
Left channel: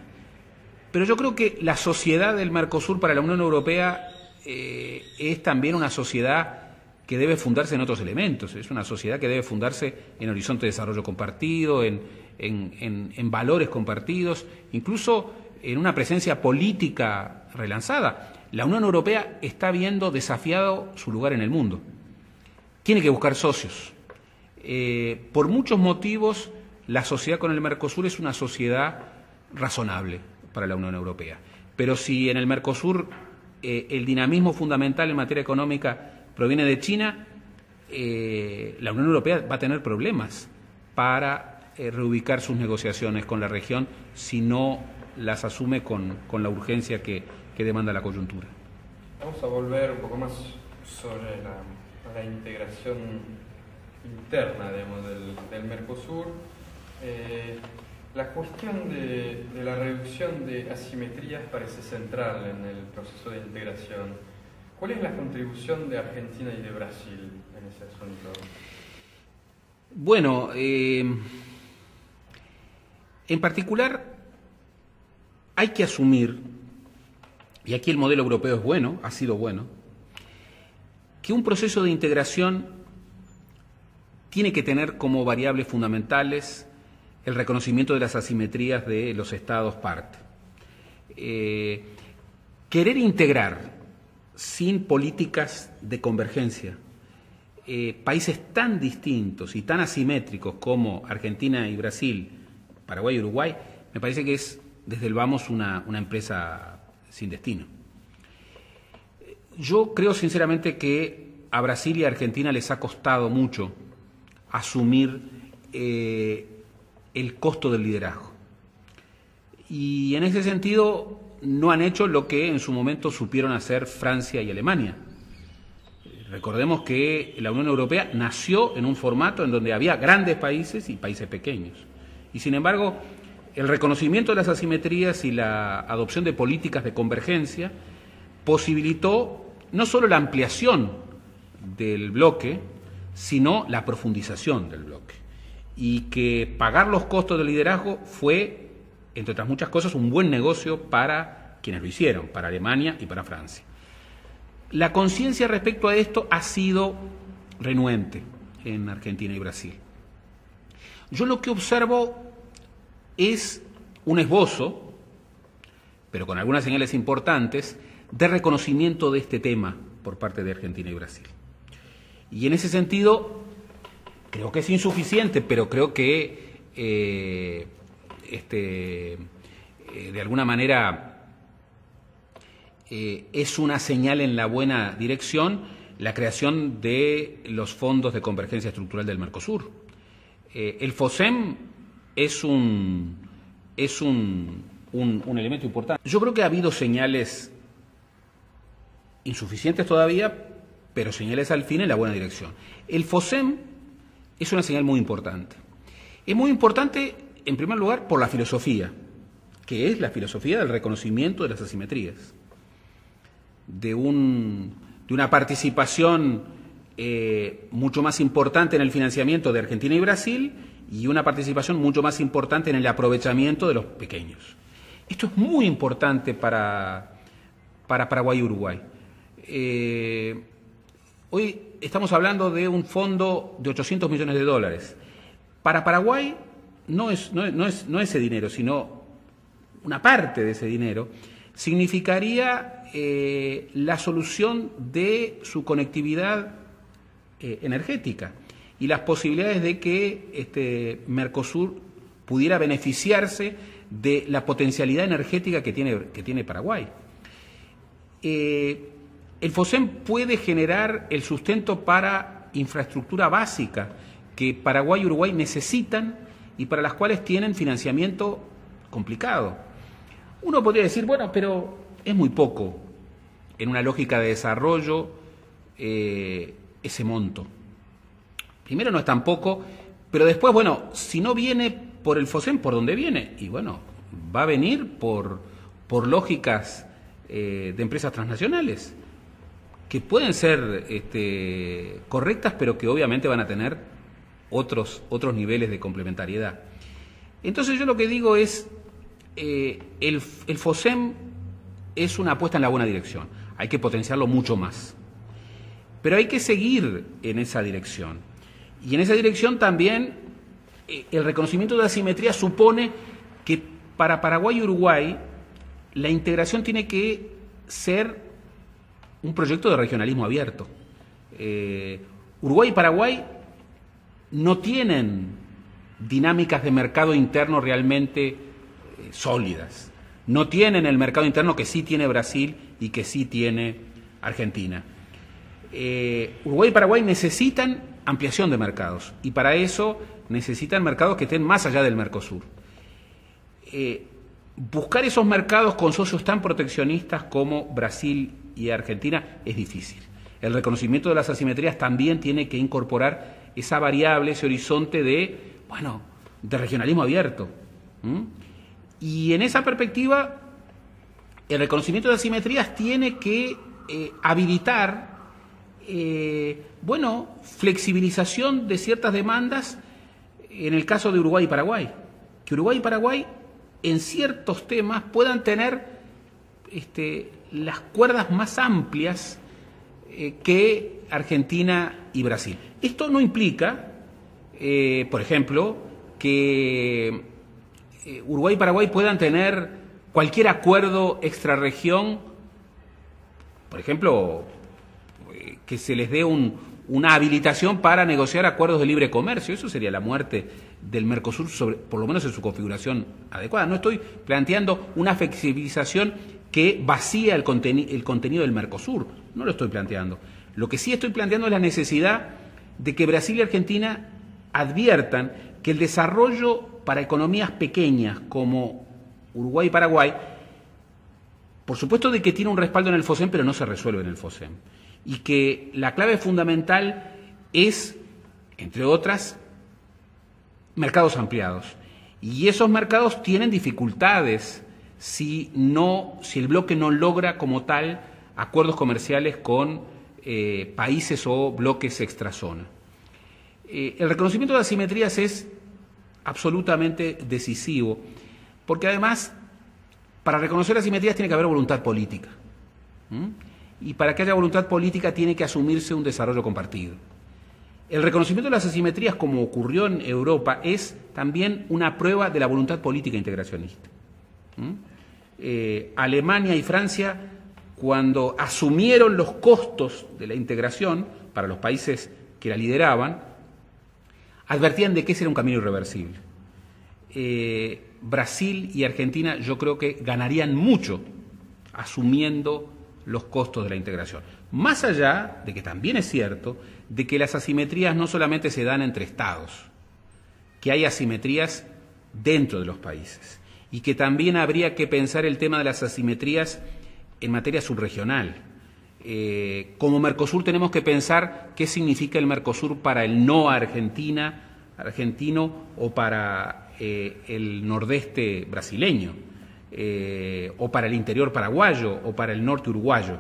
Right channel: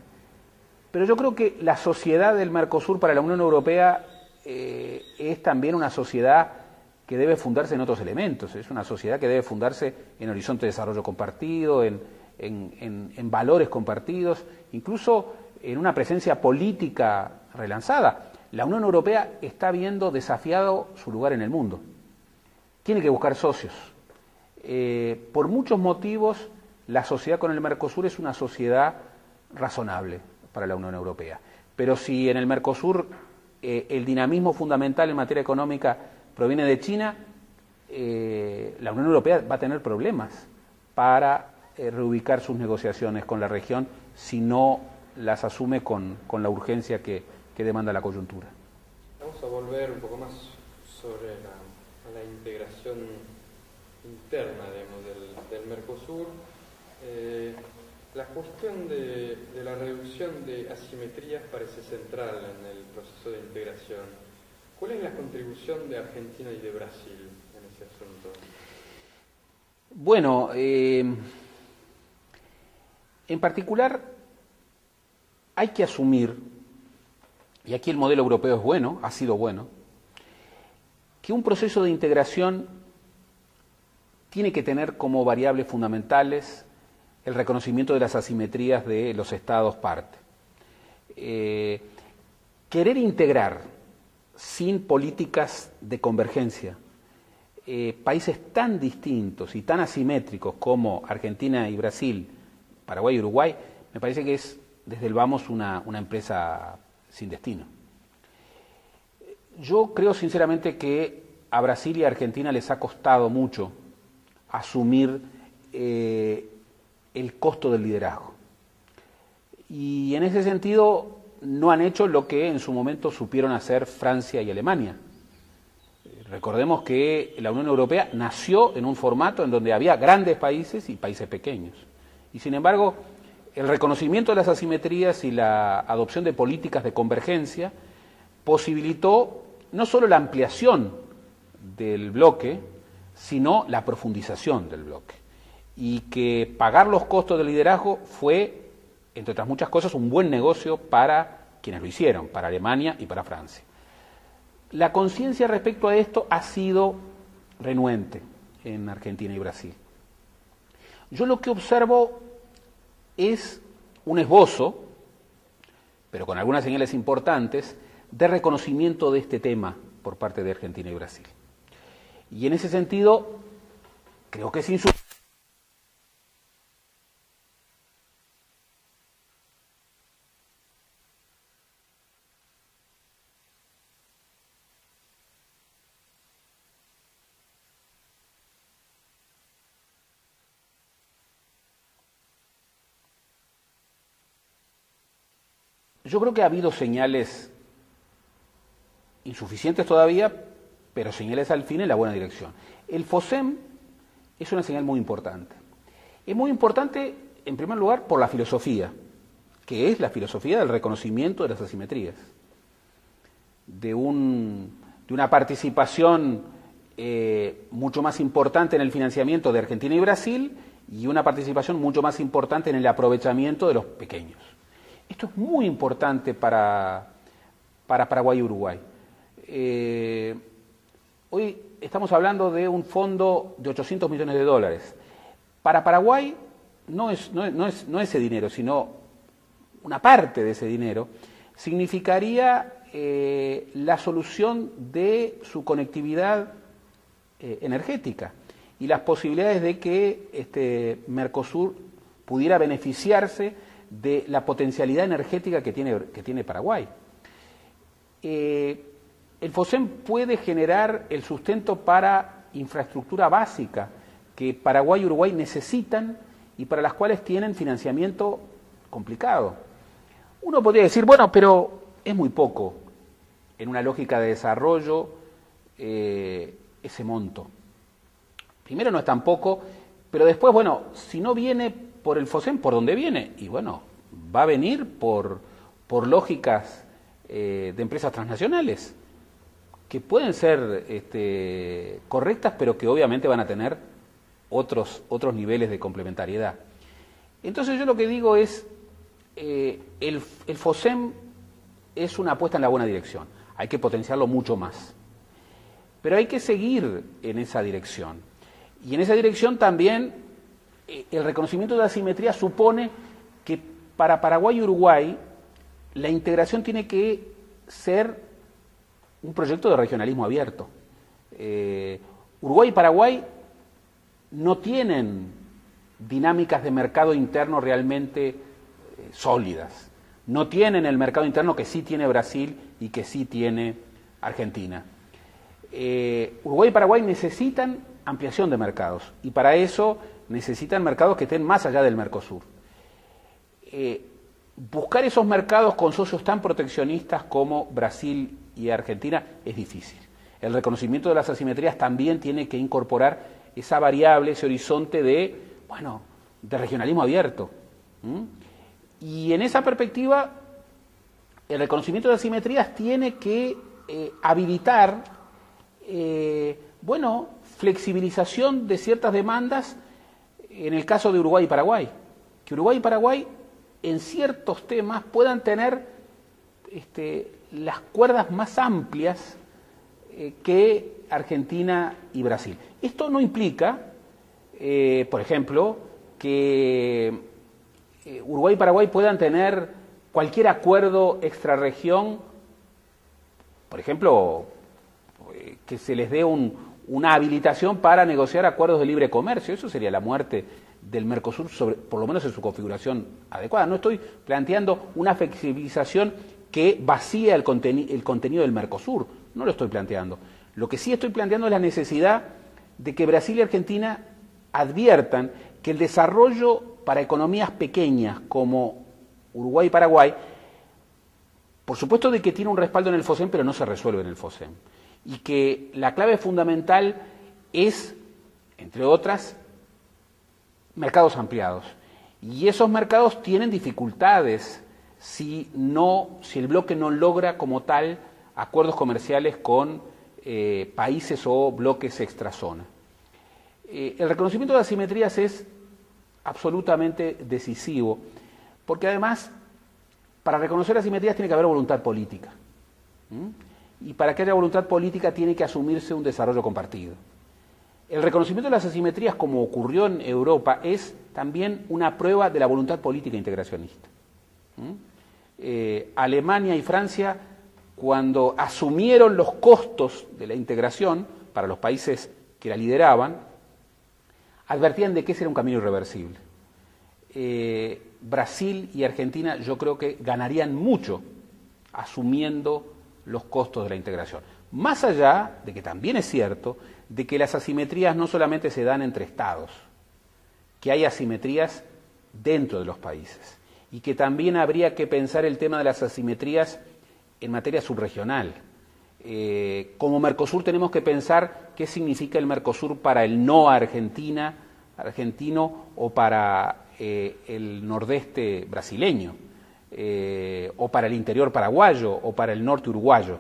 Pero yo creo que la sociedad del Mercosur para la Unión Europea es también una sociedad que debe fundarse en otros elementos. Es una sociedad que debe fundarse en horizonte de desarrollo compartido, en valores compartidos, incluso en una presencia política relanzada. La Unión Europea está viendo desafiado su lugar en el mundo. Tiene que buscar socios. Por muchos motivos, la sociedad con el Mercosur es una sociedad razonable para la Unión Europea. Pero si en el Mercosur el dinamismo fundamental en materia económica proviene de China, la Unión Europea va a tener problemas para reubicar sus negociaciones con la región si no las asume con la urgencia que demanda la coyuntura. Vamos a volver un poco más sobre la integración interna, digamos, del Mercosur. La cuestión de la reducción de asimetrías parece central en el proceso de integración. ¿Cuál es la contribución de Argentina y de Brasil en ese asunto? Bueno, en particular hay que asumir, y aquí el modelo europeo es bueno, ha sido bueno, que un proceso de integración tiene que tener como variables fundamentales el reconocimiento de las asimetrías de los estados parte. Querer integrar sin políticas de convergencia países tan distintos y tan asimétricos como Argentina y Brasil, Paraguay y Uruguay, me parece que es desde el vamos una empresa sin destino. Yo creo sinceramente que a Brasil y a Argentina les ha costado mucho asumir el costo del liderazgo. Y en ese sentido no han hecho lo que en su momento supieron hacer Francia y Alemania. Recordemos que la Unión Europea nació en un formato en donde había grandes países y países pequeños. Y sin embargo, el reconocimiento de las asimetrías y la adopción de políticas de convergencia posibilitó no solo la ampliación del bloque, sino la profundización del bloque. Y que pagar los costos del liderazgo fue, entre otras muchas cosas, un buen negocio para quienes lo hicieron, para Alemania y para Francia. La conciencia respecto a esto ha sido renuente en Argentina y Brasil. Yo lo que observo es un esbozo, pero con algunas señales importantes, de reconocimiento de este tema por parte de Argentina y Brasil. Y en ese sentido, creo que es insuficiente, pero creo que de alguna manera es una señal en la buena dirección la creación de los fondos de convergencia estructural del Mercosur. El FOSEM es un elemento importante. Yo creo que ha habido señales insuficientes todavía, pero señales al fin en la buena dirección. El FOSEM es una señal muy importante. Es muy importante, en primer lugar, por la filosofía, que es la filosofía del reconocimiento de las asimetrías, de una participación mucho más importante en el financiamiento de Argentina y Brasil y una participación mucho más importante en el aprovechamiento de los pequeños. Esto es muy importante para Paraguay y Uruguay. Hoy estamos hablando de un fondo de $800 millones. Para Paraguay no es ese dinero, sino una parte de ese dinero significaría la solución de su conectividad energética y las posibilidades de que Mercosur pudiera beneficiarse de la potencialidad energética que tiene Paraguay. el FOSEM puede generar el sustento para infraestructura básica que Paraguay y Uruguay necesitan y para las cuales tienen financiamiento complicado. Uno podría decir, bueno, pero es muy poco en una lógica de desarrollo ese monto. Primero no es tan poco, pero después, bueno, si no viene por el FOSEM, ¿por dónde viene? Y bueno, va a venir por lógicas de empresas transnacionales, que pueden ser correctas, pero que obviamente van a tener otros niveles de complementariedad. Entonces yo lo que digo es, el FOSEM es una apuesta en la buena dirección, hay que potenciarlo mucho más, pero hay que seguir en esa dirección. Y en esa dirección también el reconocimiento de la asimetría supone que para Paraguay y Uruguay la integración tiene que ser un proyecto de regionalismo abierto. Uruguay y Paraguay no tienen dinámicas de mercado interno realmente sólidas. No tienen el mercado interno que sí tiene Brasil y que sí tiene Argentina. Uruguay y Paraguay necesitan ampliación de mercados y para eso necesitan mercados que estén más allá del Mercosur. Buscar esos mercados con socios tan proteccionistas como Brasil y Argentina es difícil. El reconocimiento de las asimetrías también tiene que incorporar esa variable, ese horizonte de regionalismo abierto. Y en esa perspectiva, el reconocimiento de asimetrías tiene que habilitar flexibilización de ciertas demandas en el caso de Uruguay y Paraguay. Que Uruguay y Paraguay en ciertos temas puedan tener las cuerdas más amplias que Argentina y Brasil. Esto no implica, por ejemplo, que Uruguay y Paraguay puedan tener cualquier acuerdo extrarregión, por ejemplo, que se les dé una habilitación para negociar acuerdos de libre comercio. Eso sería la muerte del Mercosur, por lo menos en su configuración adecuada. No estoy planteando una flexibilización que vacía el contenido del Mercosur, no lo estoy planteando. Lo que sí estoy planteando es la necesidad de que Brasil y Argentina adviertan que el desarrollo para economías pequeñas como Uruguay y Paraguay, por supuesto de que tiene un respaldo en el FOSEM, pero no se resuelve en el FOSEM. Y que la clave fundamental es, entre otras, mercados ampliados. Y esos mercados tienen dificultades si el bloque no logra como tal acuerdos comerciales con países o bloques extrazona. El reconocimiento de asimetrías es absolutamente decisivo, porque además, para reconocer asimetrías tiene que haber voluntad política. Y para que haya voluntad política tiene que asumirse un desarrollo compartido. El reconocimiento de las asimetrías, como ocurrió en Europa, es también una prueba de la voluntad política integracionista. Alemania y Francia, cuando asumieron los costos de la integración para los países que la lideraban, advertían de que ese era un camino irreversible. Brasil y Argentina yo creo que ganarían mucho asumiendo los costos de la integración. Más allá de que también es cierto de que las asimetrías no solamente se dan entre estados, que hay asimetrías dentro de los países y que también habría que pensar el tema de las asimetrías en materia subregional. Como Mercosur tenemos que pensar qué significa el Mercosur para el no argentino o para el nordeste brasileño, o para el interior paraguayo o para el norte uruguayo.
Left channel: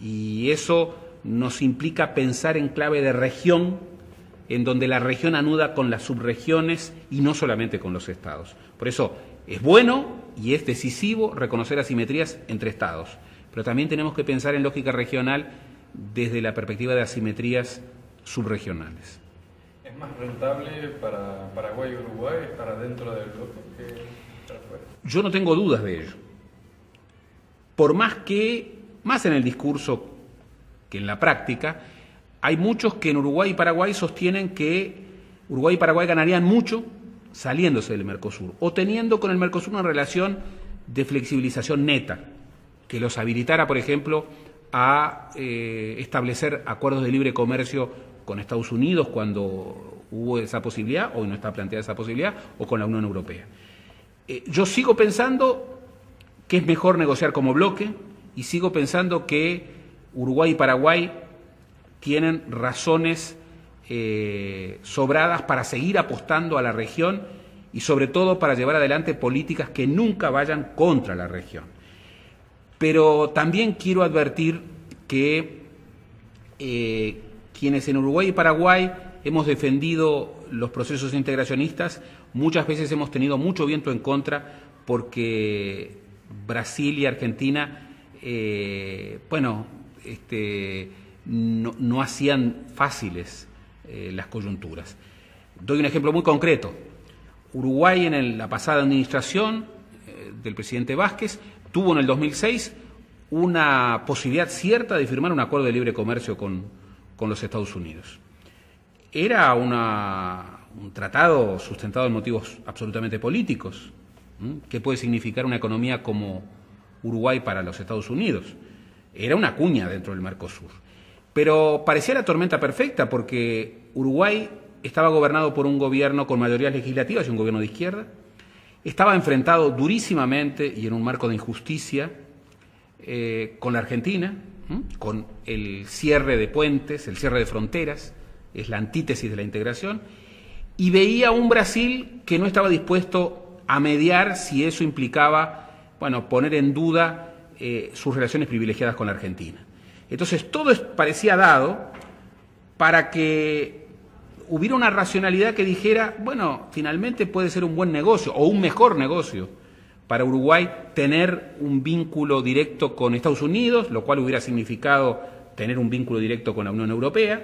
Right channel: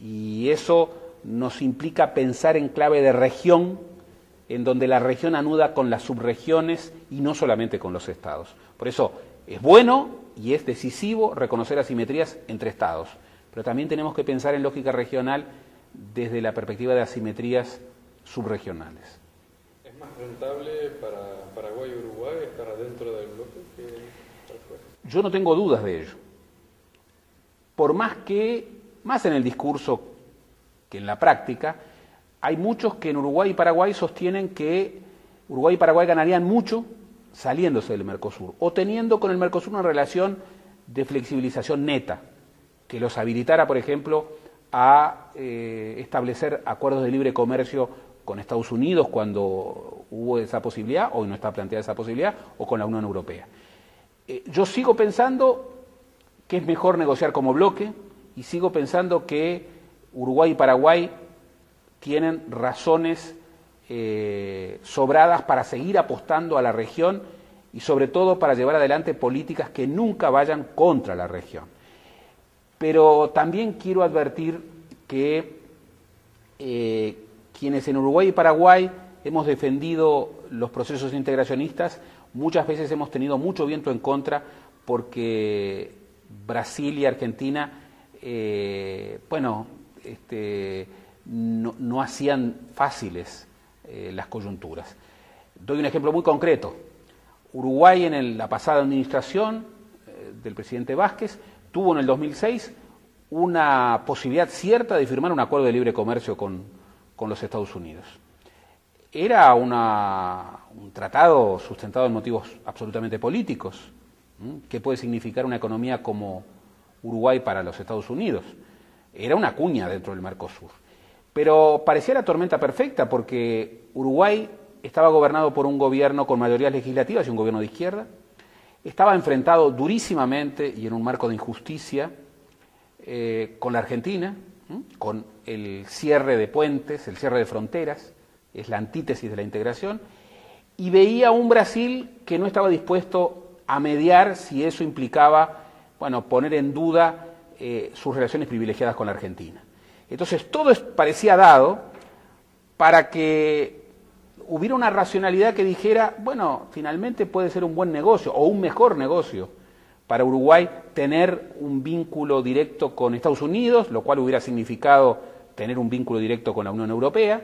Y eso nos implica pensar en clave de región, en donde la región anuda con las subregiones y no solamente con los estados. Por eso es bueno y es decisivo reconocer asimetrías entre estados, pero también tenemos que pensar en lógica regional desde la perspectiva de asimetrías subregionales. ¿Es más rentable para Paraguay y Uruguay estar adentro del bloque que estar fuera? Yo no tengo dudas de ello. Por más en el discurso que en la práctica, hay muchos que en Uruguay y Paraguay sostienen que Uruguay y Paraguay ganarían mucho saliéndose del Mercosur o teniendo con el Mercosur una relación de flexibilización neta, que los habilitara, por ejemplo, a establecer acuerdos de libre comercio con Estados Unidos cuando hubo esa posibilidad, o no está planteada esa posibilidad, o con la Unión Europea. Yo sigo pensando que es mejor negociar como bloque y sigo pensando que Uruguay y Paraguay tienen razones sobradas para seguir apostando a la región y sobre todo para llevar adelante políticas que nunca vayan contra la región. Pero también quiero advertir que quienes en Uruguay y Paraguay hemos defendido los procesos integracionistas, muchas veces hemos tenido mucho viento en contra porque Brasil y Argentina, no hacían fáciles las coyunturas. Doy un ejemplo muy concreto. Uruguay en la pasada administración del presidente Vázquez tuvo en el 2006 una posibilidad cierta de firmar un acuerdo de libre comercio con los Estados Unidos. Era un tratado sustentado en motivos absolutamente políticos. ¿Qué puede significar una economía como Uruguay para los Estados Unidos? Era una cuña dentro del Mercosur. Pero parecía la tormenta perfecta porque Uruguay estaba gobernado por un gobierno con mayorías legislativas y un gobierno de izquierda. Estaba enfrentado durísimamente y en un marco de injusticia con la Argentina, con el cierre de puentes, el cierre de fronteras, es la antítesis de la integración, y veía un Brasil que no estaba dispuesto a mediar si eso implicaba, poner en duda sus relaciones privilegiadas con la Argentina. Entonces todo parecía dado para que hubiera una racionalidad que dijera, finalmente puede ser un buen negocio o un mejor negocio para Uruguay tener un vínculo directo con Estados Unidos, lo cual hubiera significado tener un vínculo directo con la Unión Europea,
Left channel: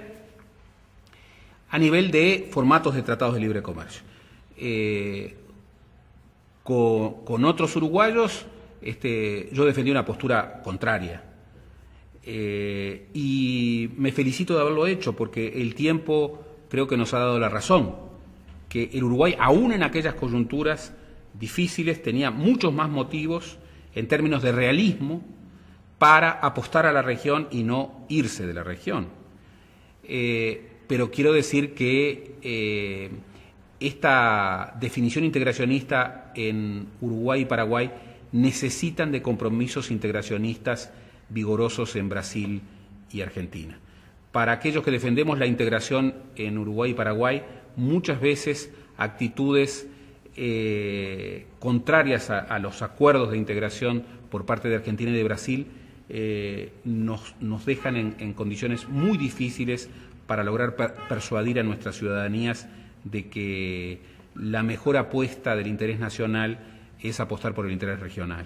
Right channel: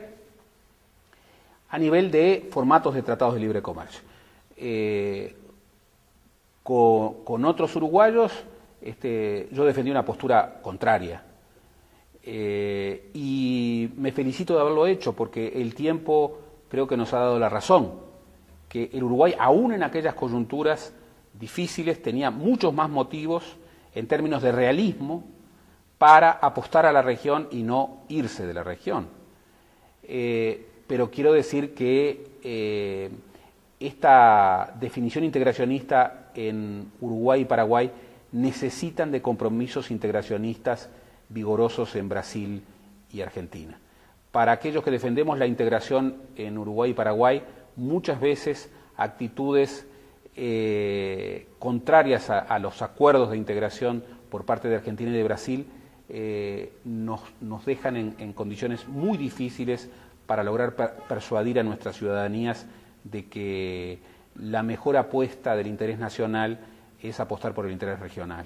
a nivel de formatos de tratados de libre comercio. Con otros uruguayos yo defendí una postura contraria. Y me felicito de haberlo hecho porque el tiempo creo que nos ha dado la razón, que el Uruguay, aún en aquellas coyunturas difíciles, tenía muchos más motivos en términos de realismo para apostar a la región y no irse de la región. Pero quiero decir que esta definición integracionista en Uruguay y Paraguay necesitan de compromisos integracionistas vigorosos en Brasil y Argentina. Para aquellos que defendemos la integración en Uruguay y Paraguay, muchas veces actitudes contrarias a los acuerdos de integración por parte de Argentina y de Brasil nos dejan en condiciones muy difíciles para lograr persuadir a nuestras ciudadanías de que la mejor apuesta del interés nacional es apostar por el interés regional.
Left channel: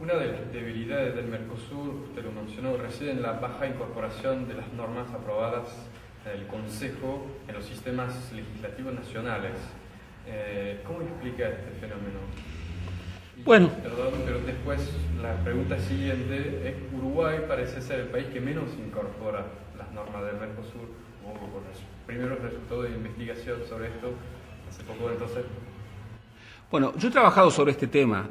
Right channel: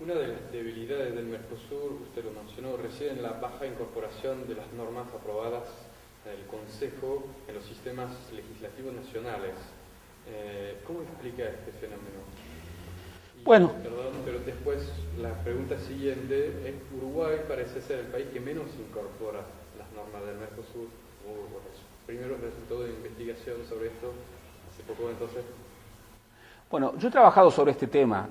Una de las debilidades del Mercosur, usted lo mencionó, reside en la baja incorporación de las normas aprobadas del Consejo en los sistemas legislativos nacionales. ¿Cómo explica este fenómeno? Perdón, pero después la pregunta siguiente es: Uruguay parece ser el país que menos incorpora las normas del Mercosur. Hubo los primeros resultados de investigación sobre esto hace poco, entonces. Yo he trabajado sobre este tema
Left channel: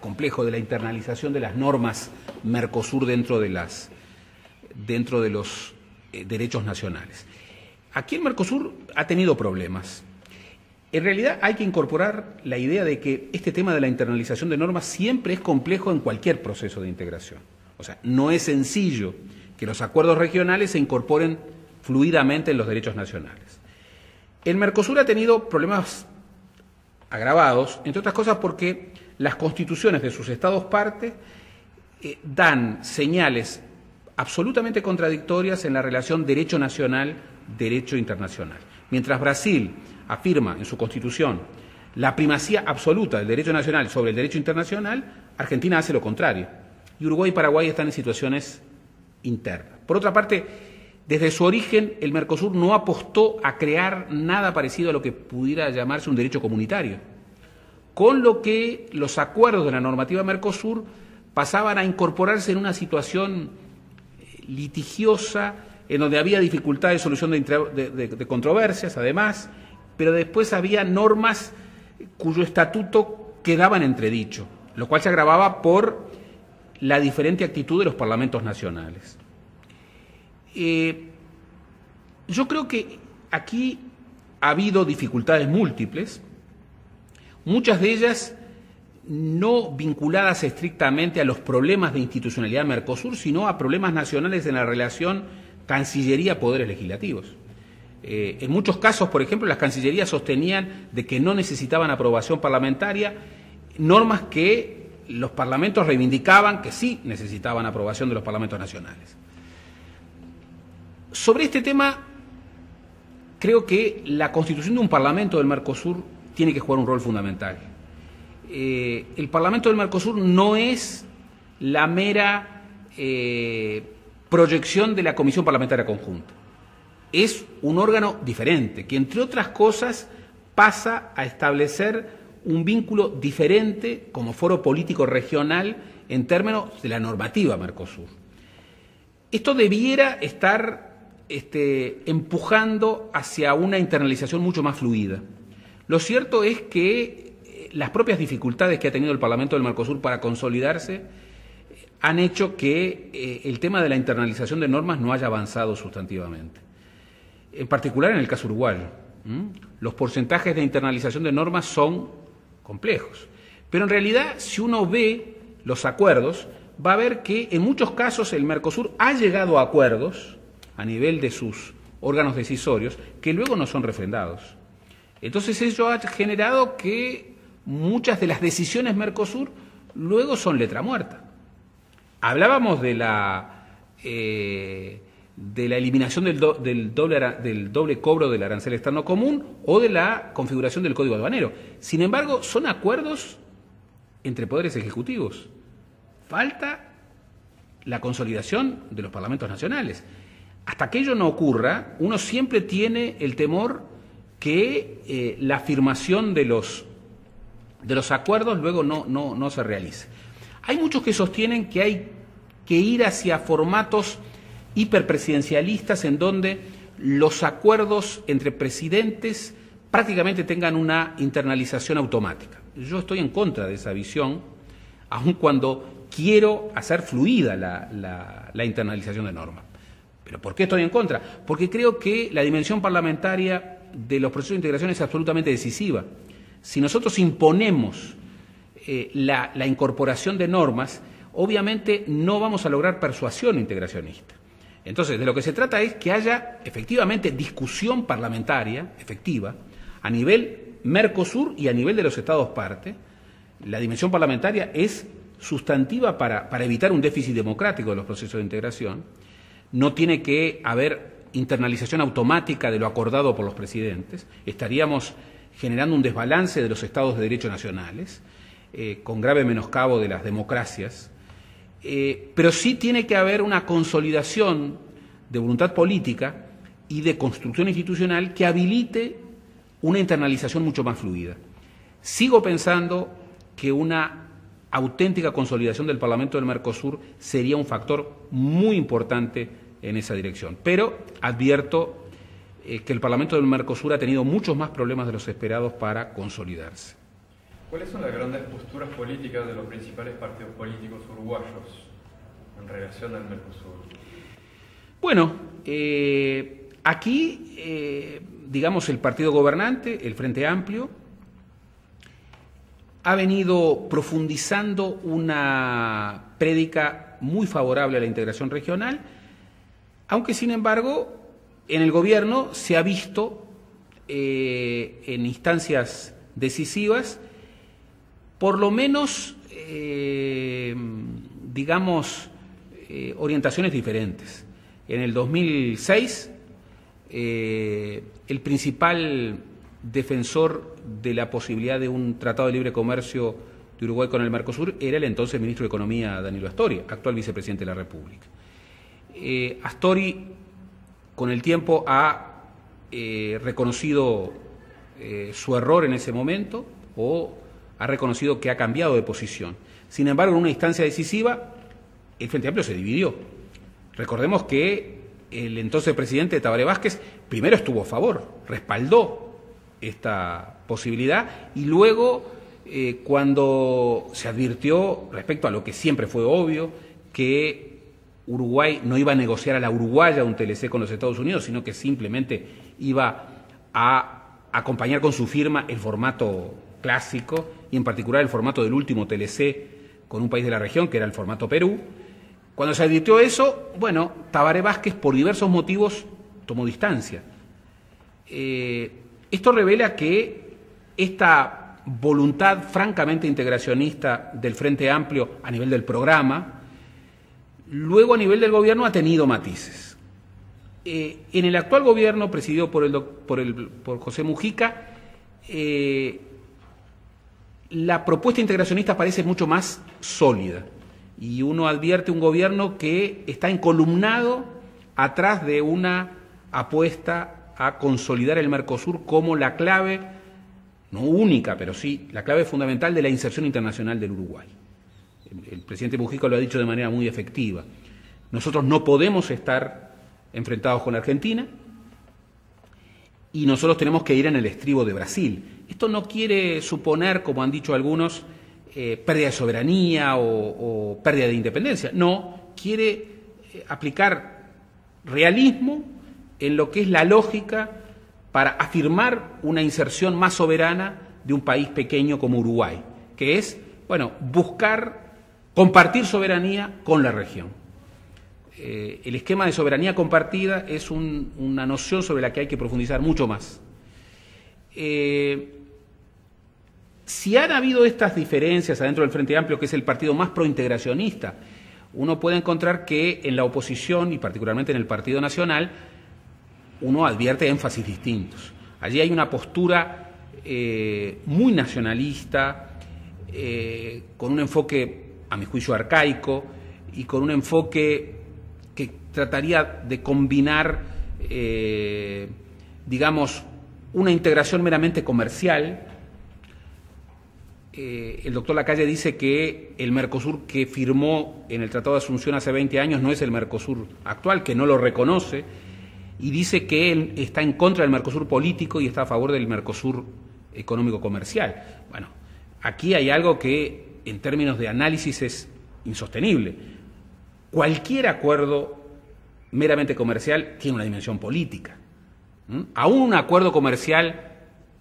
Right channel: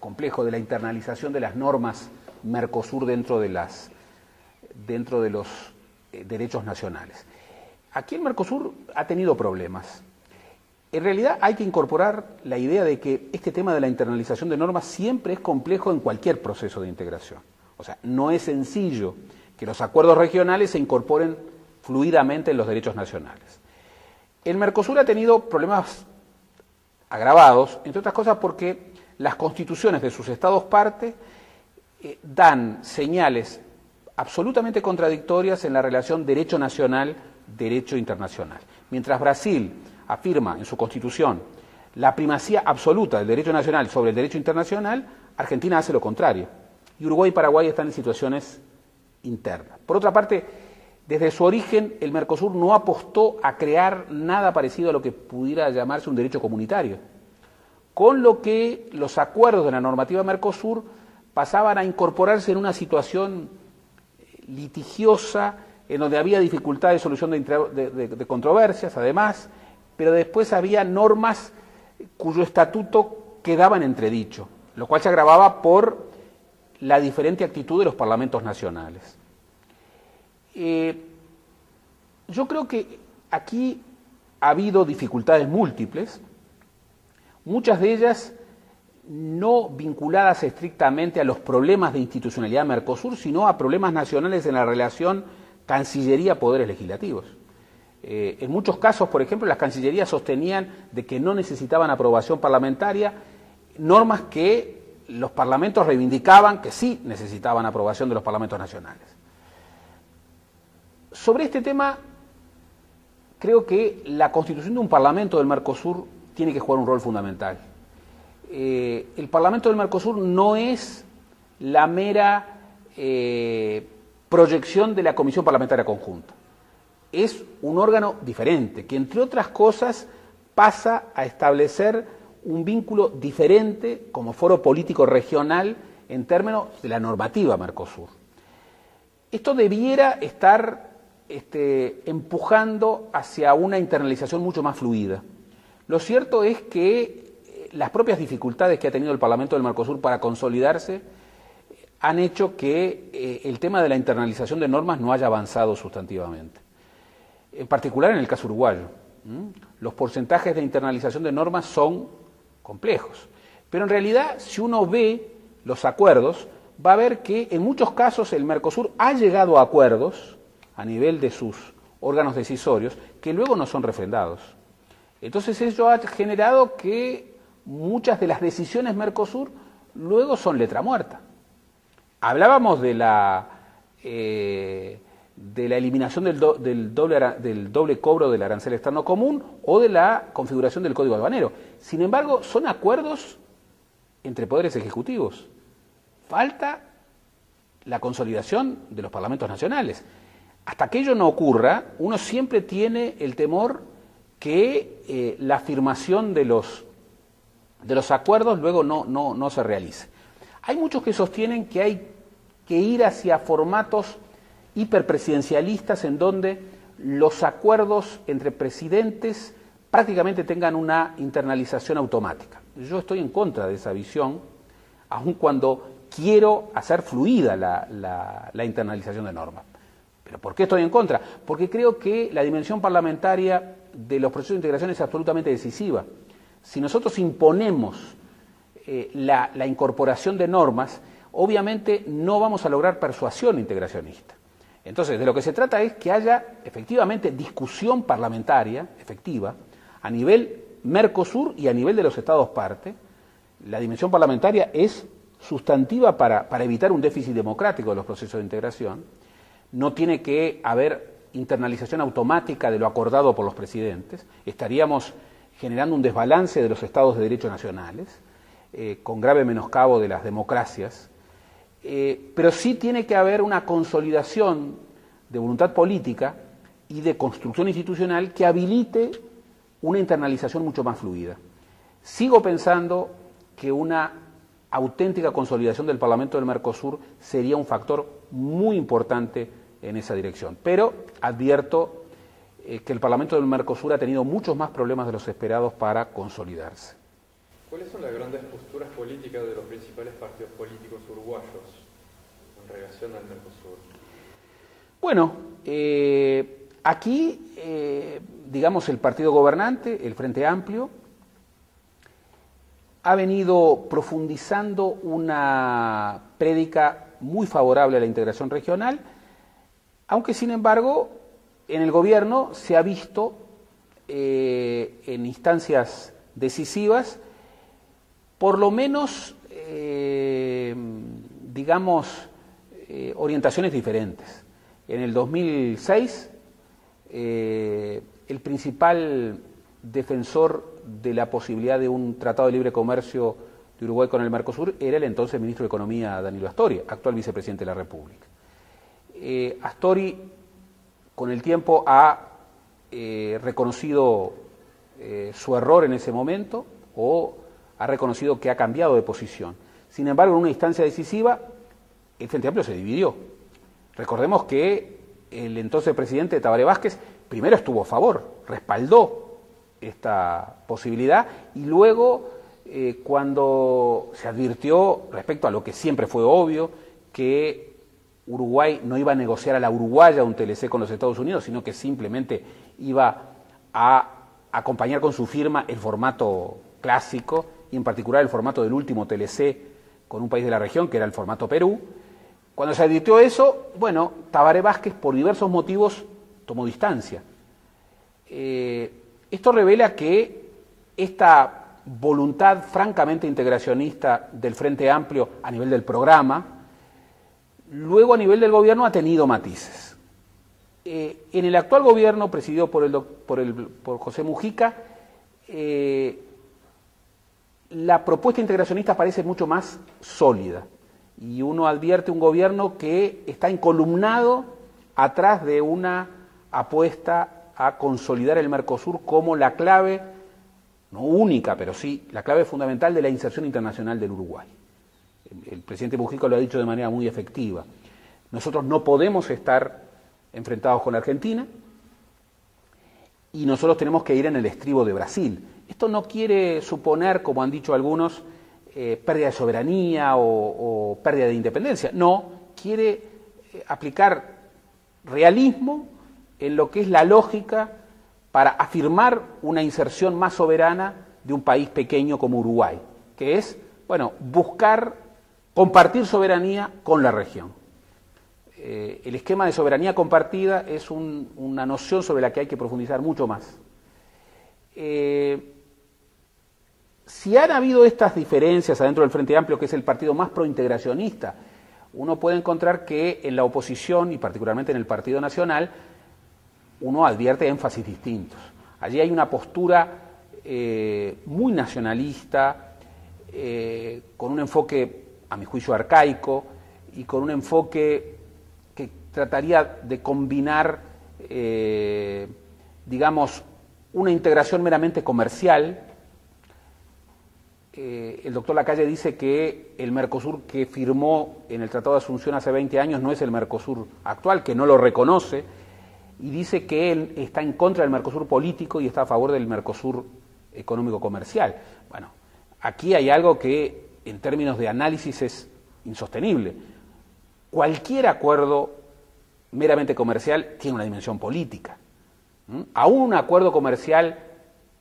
complejo de la internalización de las normas Mercosur dentro de los derechos nacionales. Aquí el Mercosur ha tenido problemas. En realidad hay que incorporar la idea de que este tema de la internalización de normas siempre es complejo en cualquier proceso de integración. O sea, no es sencillo que los acuerdos regionales se incorporen fluidamente en los derechos nacionales. El Mercosur ha tenido problemas agravados, entre otras cosas porque las constituciones de sus estados parte dan señales absolutamente contradictorias en la relación derecho nacional-derecho internacional. Mientras Brasil afirma en su constitución la primacía absoluta del derecho nacional sobre el derecho internacional, Argentina hace lo contrario. Y Uruguay y Paraguay están en situaciones internas. Por otra parte, desde su origen, el Mercosur no apostó a crear nada parecido a lo que pudiera llamarse un derecho comunitario, con lo que los acuerdos de la normativa Mercosur pasaban a incorporarse en una situación litigiosa, en donde había dificultad de solución de controversias, además, pero después había normas cuyo estatuto quedaba en entredicho, lo cual se agravaba por la diferente actitud de los parlamentos nacionales. Yo creo que aquí ha habido dificultades múltiples, muchas de ellas no vinculadas estrictamente a los problemas de institucionalidad de Mercosur, sino a problemas nacionales en la relación Cancillería-Poderes Legislativos. En muchos casos, por ejemplo, las cancillerías sostenían de que no necesitaban aprobación parlamentaria, normas que los parlamentos reivindicaban que sí necesitaban aprobación de los parlamentos nacionales. Sobre este tema, creo que la constitución de un parlamento del Mercosur tiene que jugar un rol fundamental. El Parlamento del Mercosur no es la mera proyección de la Comisión Parlamentaria Conjunta. Es un órgano diferente, que entre otras cosas pasa a establecer un vínculo diferente como foro político regional en términos de la normativa Mercosur. Esto debiera estar empujando hacia una internalización mucho más fluida. Lo cierto es que las propias dificultades que ha tenido el Parlamento del Mercosur para consolidarse han hecho que el tema de la internalización de normas no haya avanzado sustantivamente. En particular en el caso uruguayo, los porcentajes de internalización de normas son complejos. Pero en realidad, si uno ve los acuerdos, va a ver que en muchos casos el Mercosur ha llegado a acuerdos a nivel de sus órganos decisorios que luego no son refrendados. Entonces eso ha generado que muchas de las decisiones Mercosur luego son letra muerta. Hablábamos de la eliminación del doble cobro del arancel externo común o de la configuración del Código Aduanero. Sin embargo, son acuerdos entre poderes ejecutivos. Falta la consolidación de los parlamentos nacionales. Hasta que ello no ocurra, uno siempre tiene el temor que la afirmación de los acuerdos luego no se realice. Hay muchos que sostienen que hay que ir hacia formatos hiperpresidencialistas en donde los acuerdos entre presidentes prácticamente tengan una internalización automática. Yo estoy en contra de esa visión, aun cuando quiero hacer fluida la internalización de normas. ¿Pero por qué estoy en contra? Porque creo que la dimensión parlamentaria de los procesos de integración es absolutamente decisiva. Si nosotros imponemos la incorporación de normas, obviamente no vamos a lograr persuasión integracionista. Entonces, de lo que se trata es que haya efectivamente discusión parlamentaria efectiva a nivel Mercosur y a nivel de los Estados parte. La dimensión parlamentaria es sustantiva para evitar un déficit democrático de los procesos de integración. No tiene que haber internalización automática de lo acordado por los presidentes. Estaríamos generando un desbalance de los estados de derecho nacionales, con grave menoscabo de las democracias. Pero sí tiene que haber una consolidación de voluntad política y de construcción institucional que habilite una internalización mucho más fluida. Sigo pensando que una auténtica consolidación del Parlamento del Mercosur sería un factor muy importante en esa dirección. Pero advierto que el Parlamento del Mercosur ha tenido muchos más problemas de los esperados para consolidarse. ¿Cuáles son las grandes posturas políticas de los principales partidos políticos uruguayos en relación al Mercosur? Bueno, aquí, digamos, el partido gobernante, el Frente Amplio, ha venido profundizando una prédica muy favorable a la integración regional, aunque sin embargo en el gobierno se ha visto en instancias decisivas por lo menos, digamos, orientaciones diferentes. En el 2006, el principal defensor de la posibilidad de un tratado de libre comercio de Uruguay con el Mercosur era el entonces ministro de Economía, Danilo Astori, actual vicepresidente de la República. Astori, con el tiempo, ha reconocido su error en ese momento o ha reconocido que ha cambiado de posición. Sin embargo, en una instancia decisiva, el Frente Amplio se dividió. Recordemos que el entonces presidente Tabaré Vázquez primero estuvo a favor, respaldó esta posibilidad y luego cuando se advirtió, respecto a lo que siempre fue obvio, que Uruguay no iba a negociar a la uruguaya un TLC con los Estados Unidos, sino que simplemente iba a acompañar con su firma el formato clásico, y en particular el formato del último TLC con un país de la región, que era el formato Perú. Cuando se advirtió eso, bueno, Tabaré Vázquez, por diversos motivos, tomó distancia. Esto revela que esta voluntad francamente integracionista del Frente Amplio a nivel del programa, luego a nivel del gobierno ha tenido matices. En el actual gobierno, presidido por José Mujica, la propuesta integracionista parece mucho más sólida, y uno advierte un gobierno que está encolumnado atrás de una apuesta a consolidar el Mercosur como la clave, no única, pero sí la clave fundamental de la inserción internacional del Uruguay. El presidente Mujica lo ha dicho de manera muy efectiva. Nosotros no podemos estar enfrentados con la Argentina y nosotros tenemos que ir en el estribo de Brasil. Esto no quiere suponer, como han dicho algunos, pérdida de soberanía o pérdida de independencia. No, quiere aplicar realismo en lo que es la lógica para afirmar una inserción más soberana de un país pequeño como Uruguay, que es, bueno, buscar compartir soberanía con la región. El esquema de soberanía compartida es una noción sobre la que hay que profundizar mucho más. Si han habido estas diferencias adentro del Frente Amplio, que es el partido más prointegracionista, uno puede encontrar que en la oposición, y particularmente en el Partido Nacional, uno advierte énfasis distintos. Allí hay una postura muy nacionalista, con un enfoque, a mi juicio, arcaico, y con un enfoque que trataría de combinar, digamos, una integración meramente comercial. El doctor Lacalle dice que el Mercosur que firmó en el Tratado de Asunción hace 20 años no es el Mercosur actual, que no lo reconoce, y dice que él está en contra del Mercosur político y está a favor del Mercosur económico-comercial. Bueno, aquí hay algo que en términos de análisis es insostenible. Cualquier acuerdo meramente comercial tiene una dimensión política. Aún un acuerdo comercial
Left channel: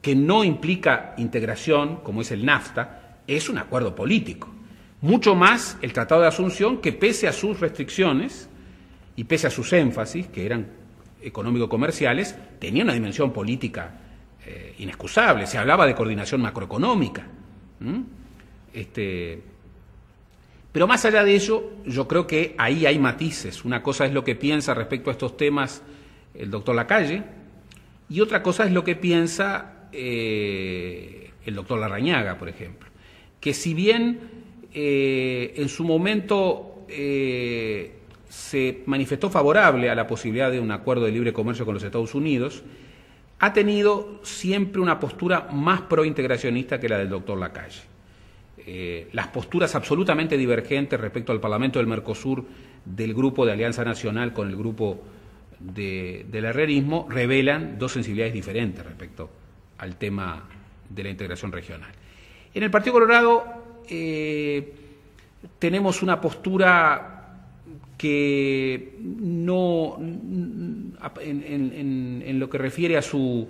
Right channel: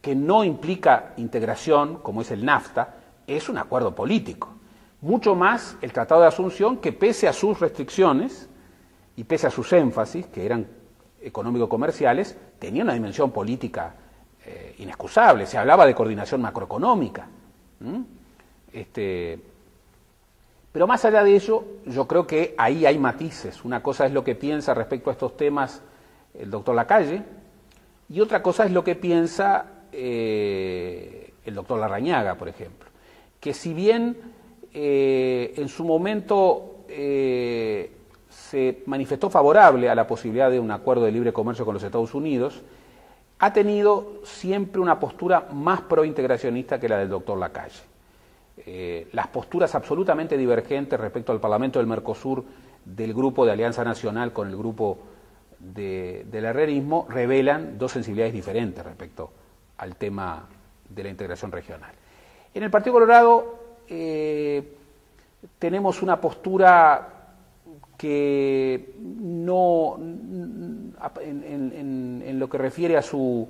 que no implica integración, como es el NAFTA, es un acuerdo político. Mucho más el Tratado de Asunción, que pese a sus restricciones y pese a sus énfasis, que eran económico-comerciales, tenía una dimensión política inexcusable. Se hablaba de coordinación macroeconómica. Pero más allá de ello, yo creo que ahí hay matices. Una cosa es lo que piensa respecto a estos temas el doctor Lacalle, y otra cosa es lo que piensa el doctor Larrañaga, por ejemplo, que si bien en su momento se manifestó favorable a la posibilidad de un acuerdo de libre comercio con los Estados Unidos, ha tenido siempre una postura más prointegracionista que la del doctor Lacalle. Las posturas absolutamente divergentes respecto al Parlamento del Mercosur del grupo de Alianza Nacional con el grupo del herrerismo revelan dos sensibilidades diferentes respecto al tema de la integración regional. En el Partido Colorado tenemos una postura que no, en lo que refiere a su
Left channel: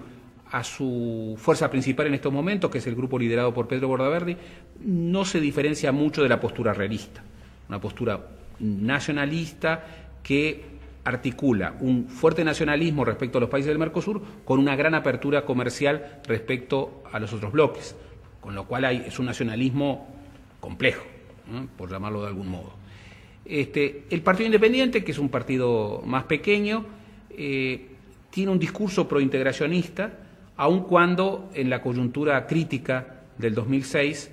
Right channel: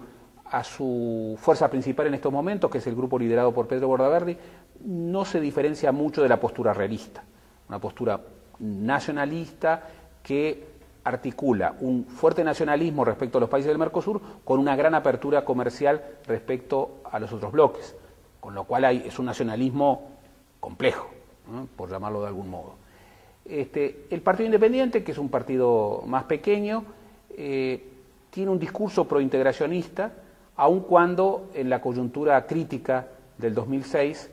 fuerza principal en estos momentos, que es el grupo liderado por Pedro Bordaverde, no se diferencia mucho de la postura herrerista, una postura nacionalista que articula un fuerte nacionalismo respecto a los países del Mercosur con una gran apertura comercial respecto a los otros bloques, con lo cual es un nacionalismo complejo, ¿no?, por llamarlo de algún modo. El Partido Independiente, que es un partido más pequeño, tiene un discurso prointegracionista, aun cuando en la coyuntura crítica del 2006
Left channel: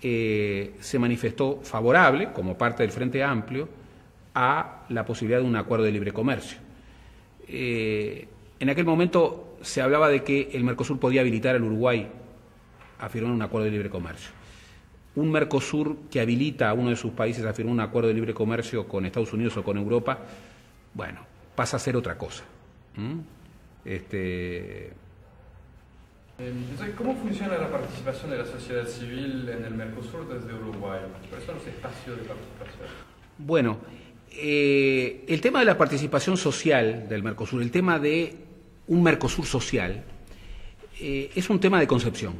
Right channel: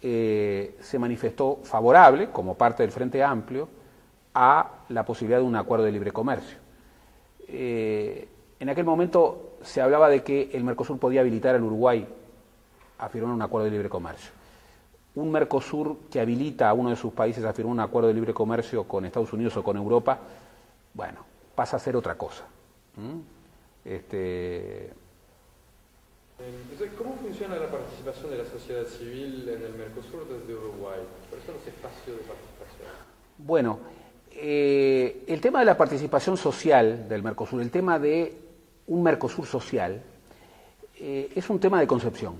se manifestó favorable, como parte del Frente Amplio, a la posibilidad de un acuerdo de libre comercio. En aquel momento se hablaba de que el Mercosur podía habilitar al Uruguay a firmar un acuerdo de libre comercio. Un Mercosur que habilita a uno de sus países a firmar un acuerdo de libre comercio con Estados Unidos o con Europa, bueno, pasa a ser otra cosa. Entonces, ¿cómo funciona la participación de la sociedad civil en el Mercosur desde Uruguay? ¿Cuáles son los espacios de participación? Bueno, el tema de la participación social del Mercosur, el tema de un Mercosur social, es un tema de concepción.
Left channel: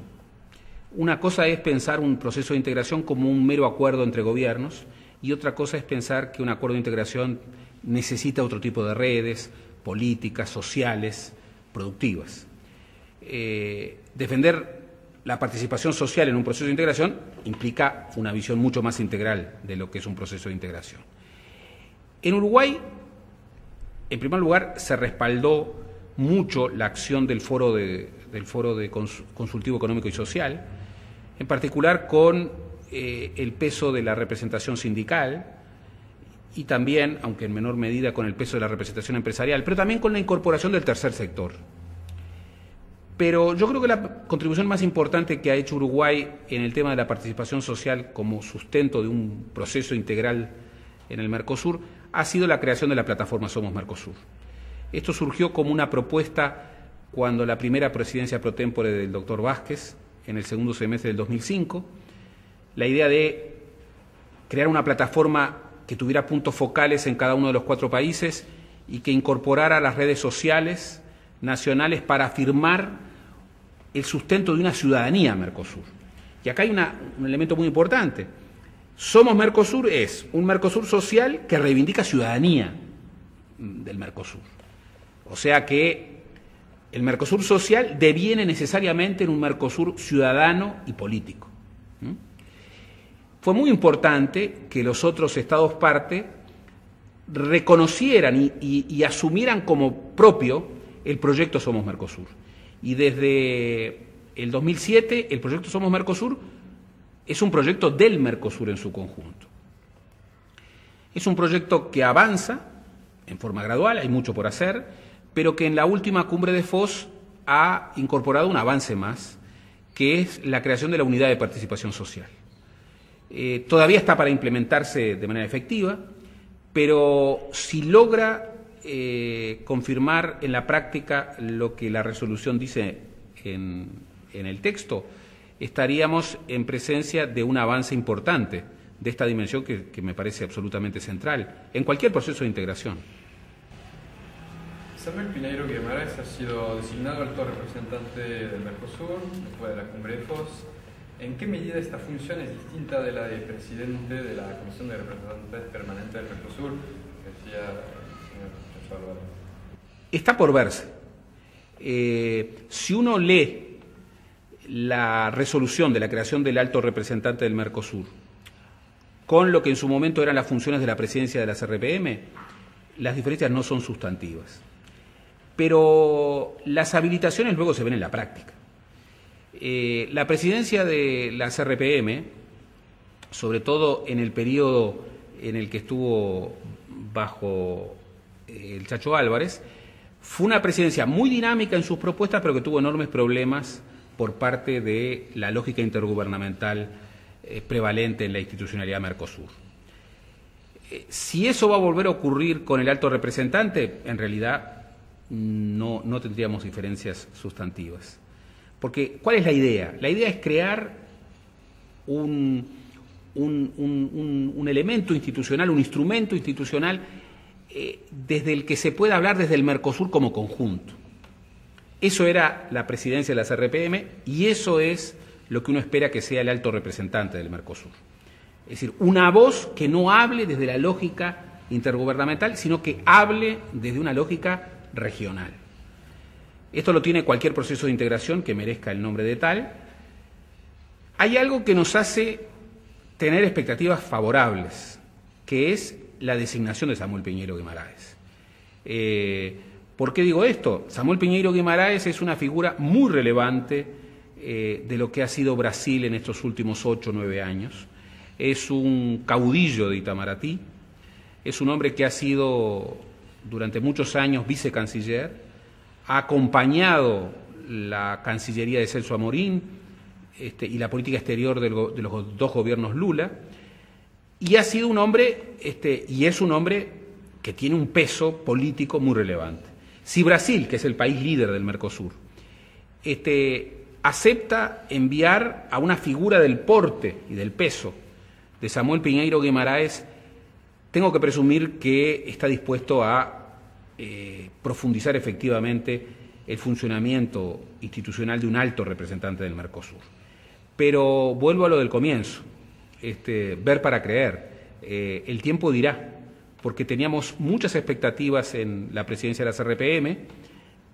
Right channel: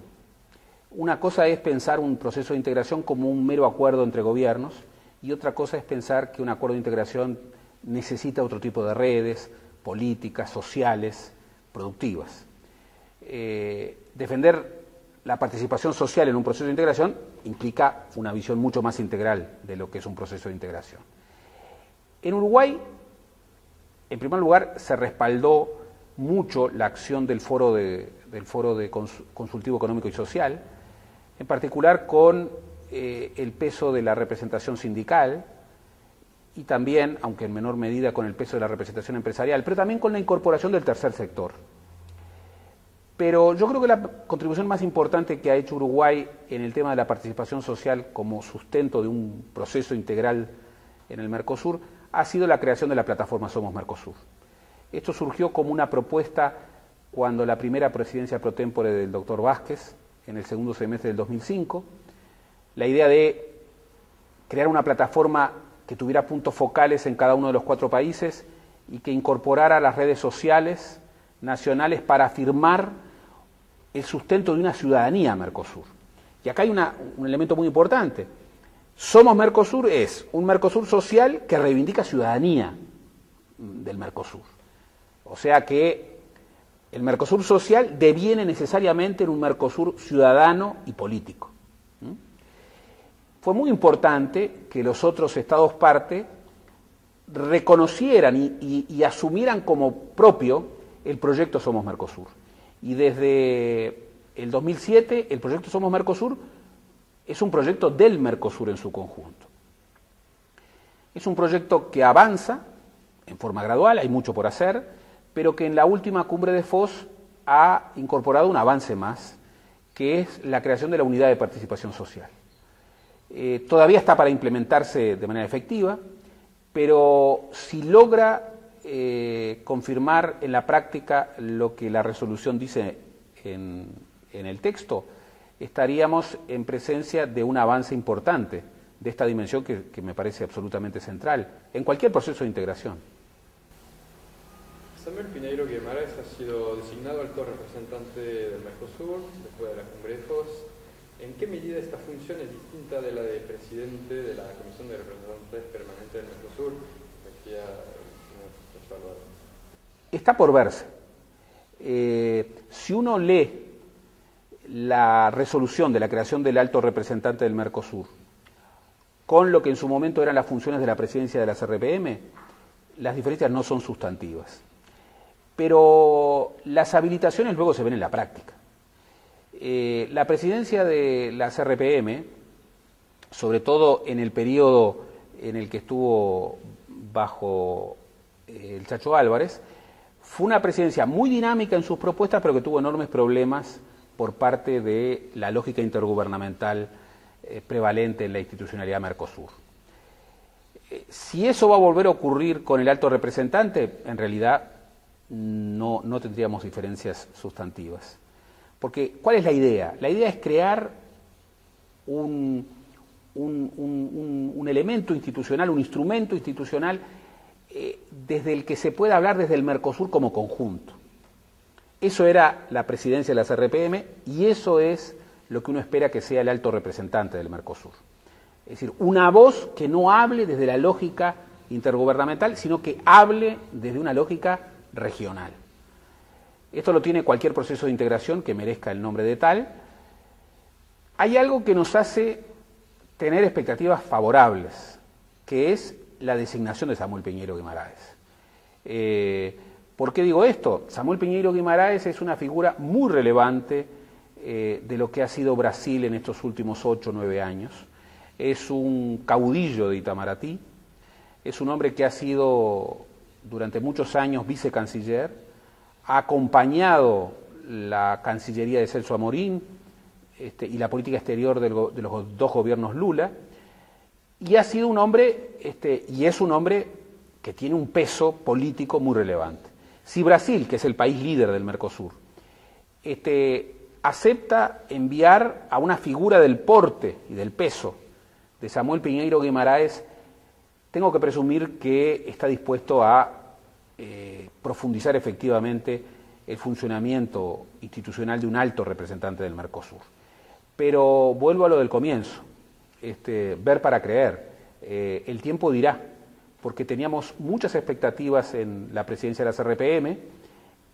Una cosa es pensar un proceso de integración como un mero acuerdo entre gobiernos y otra cosa es pensar que un acuerdo de integración necesita otro tipo de redes políticas, sociales, productivas. Defender la participación social en un proceso de integración implica una visión mucho más integral de lo que es un proceso de integración. En Uruguay, en primer lugar, se respaldó mucho la acción del Foro Consultivo Económico y Social, en particular con el peso de la representación sindical y también, aunque en menor medida, con el peso de la representación empresarial, pero también con la incorporación del tercer sector. Pero yo creo que la contribución más importante que ha hecho Uruguay en el tema de la participación social como sustento de un proceso integral en el Mercosur ha sido la creación de la plataforma Somos Mercosur. Esto surgió como una propuesta cuando la primera presidencia pro tempore del doctor Vázquez, en el segundo semestre del 2005, la idea de crear una plataforma que tuviera puntos focales en cada uno de los 4 países y que incorporara las redes sociales nacionales para afirmar el sustento de una ciudadanía Mercosur. Y acá hay un elemento muy importante. Somos Mercosur es un Mercosur social que reivindica ciudadanía del Mercosur. O sea que el Mercosur social deviene necesariamente en un Mercosur ciudadano y político. Fue muy importante que los otros estados parte reconocieran y asumieran como propio el proyecto Somos Mercosur. Y desde el 2007 el proyecto Somos Mercosur es un proyecto del Mercosur en su conjunto. Es un proyecto que avanza en forma gradual, hay mucho por hacer, pero que en la última cumbre de Foz ha incorporado un avance más, que es la creación de la unidad de participación social. Todavía está para implementarse de manera efectiva, pero si logra confirmar en la práctica lo que la resolución dice en el texto, estaríamos en presencia de un avance importante de esta dimensión que me parece absolutamente central en cualquier proceso de integración. Samuel Pinheiro Guimarães ha sido designado alto representante del Mercosur después de la cumbre de Foz. ¿En qué medida esta función es distinta de la de presidente de la Comisión de Representantes Permanentes del Mercosur? Decía el señor Álvaro. Está por verse. Si uno lee la resolución de la creación del alto representante del Mercosur con lo que en su momento eran las funciones de la presidencia de la CRPM, las diferencias no son sustantivas. Pero las habilitaciones luego se ven en la práctica. La presidencia de la CRPM, sobre todo en el periodo en el que estuvo bajo el Chacho Álvarez, fue una presidencia muy dinámica en sus propuestas, pero que tuvo enormes problemas por parte de la lógica intergubernamental prevalente en la institucionalidad Mercosur. Si eso va a volver a ocurrir con el alto representante, en realidad no tendríamos diferencias sustantivas. Porque, ¿cuál es la idea? La idea es crear un elemento institucional, un instrumento institucional desde el que se pueda hablar desde el Mercosur como conjunto. Eso era la presidencia de la CRPM y eso es lo que uno espera que sea el alto representante del Mercosur. Es decir, una voz que no hable desde la lógica intergubernamental, sino que hable desde una lógica regional. Esto lo tiene cualquier proceso de integración que merezca el nombre de tal. Hay algo que nos hace tener expectativas favorables, que es la designación de Samuel Pinheiro Guimarães. ¿Por qué digo esto? Samuel Pinheiro Guimarães es una figura muy relevante de lo que ha sido Brasil en estos últimos 8 o 9 años. Es un caudillo de Itamaraty, es un hombre que ha sido durante muchos años vicecanciller, ha acompañado la Cancillería de Celso Amorín y la política exterior de los 2 gobiernos Lula, y ha sido un hombre, y es un hombre que tiene un peso político muy relevante. Si Brasil, que es el país líder del Mercosur, acepta enviar a una figura del porte y del peso de Samuel Piñeiro Guimarães, tengo que presumir que está dispuesto a profundizar efectivamente el funcionamiento institucional de un alto representante del Mercosur. Pero vuelvo a lo del comienzo, ver para creer. El tiempo dirá, porque teníamos muchas expectativas en la presidencia de la CRPM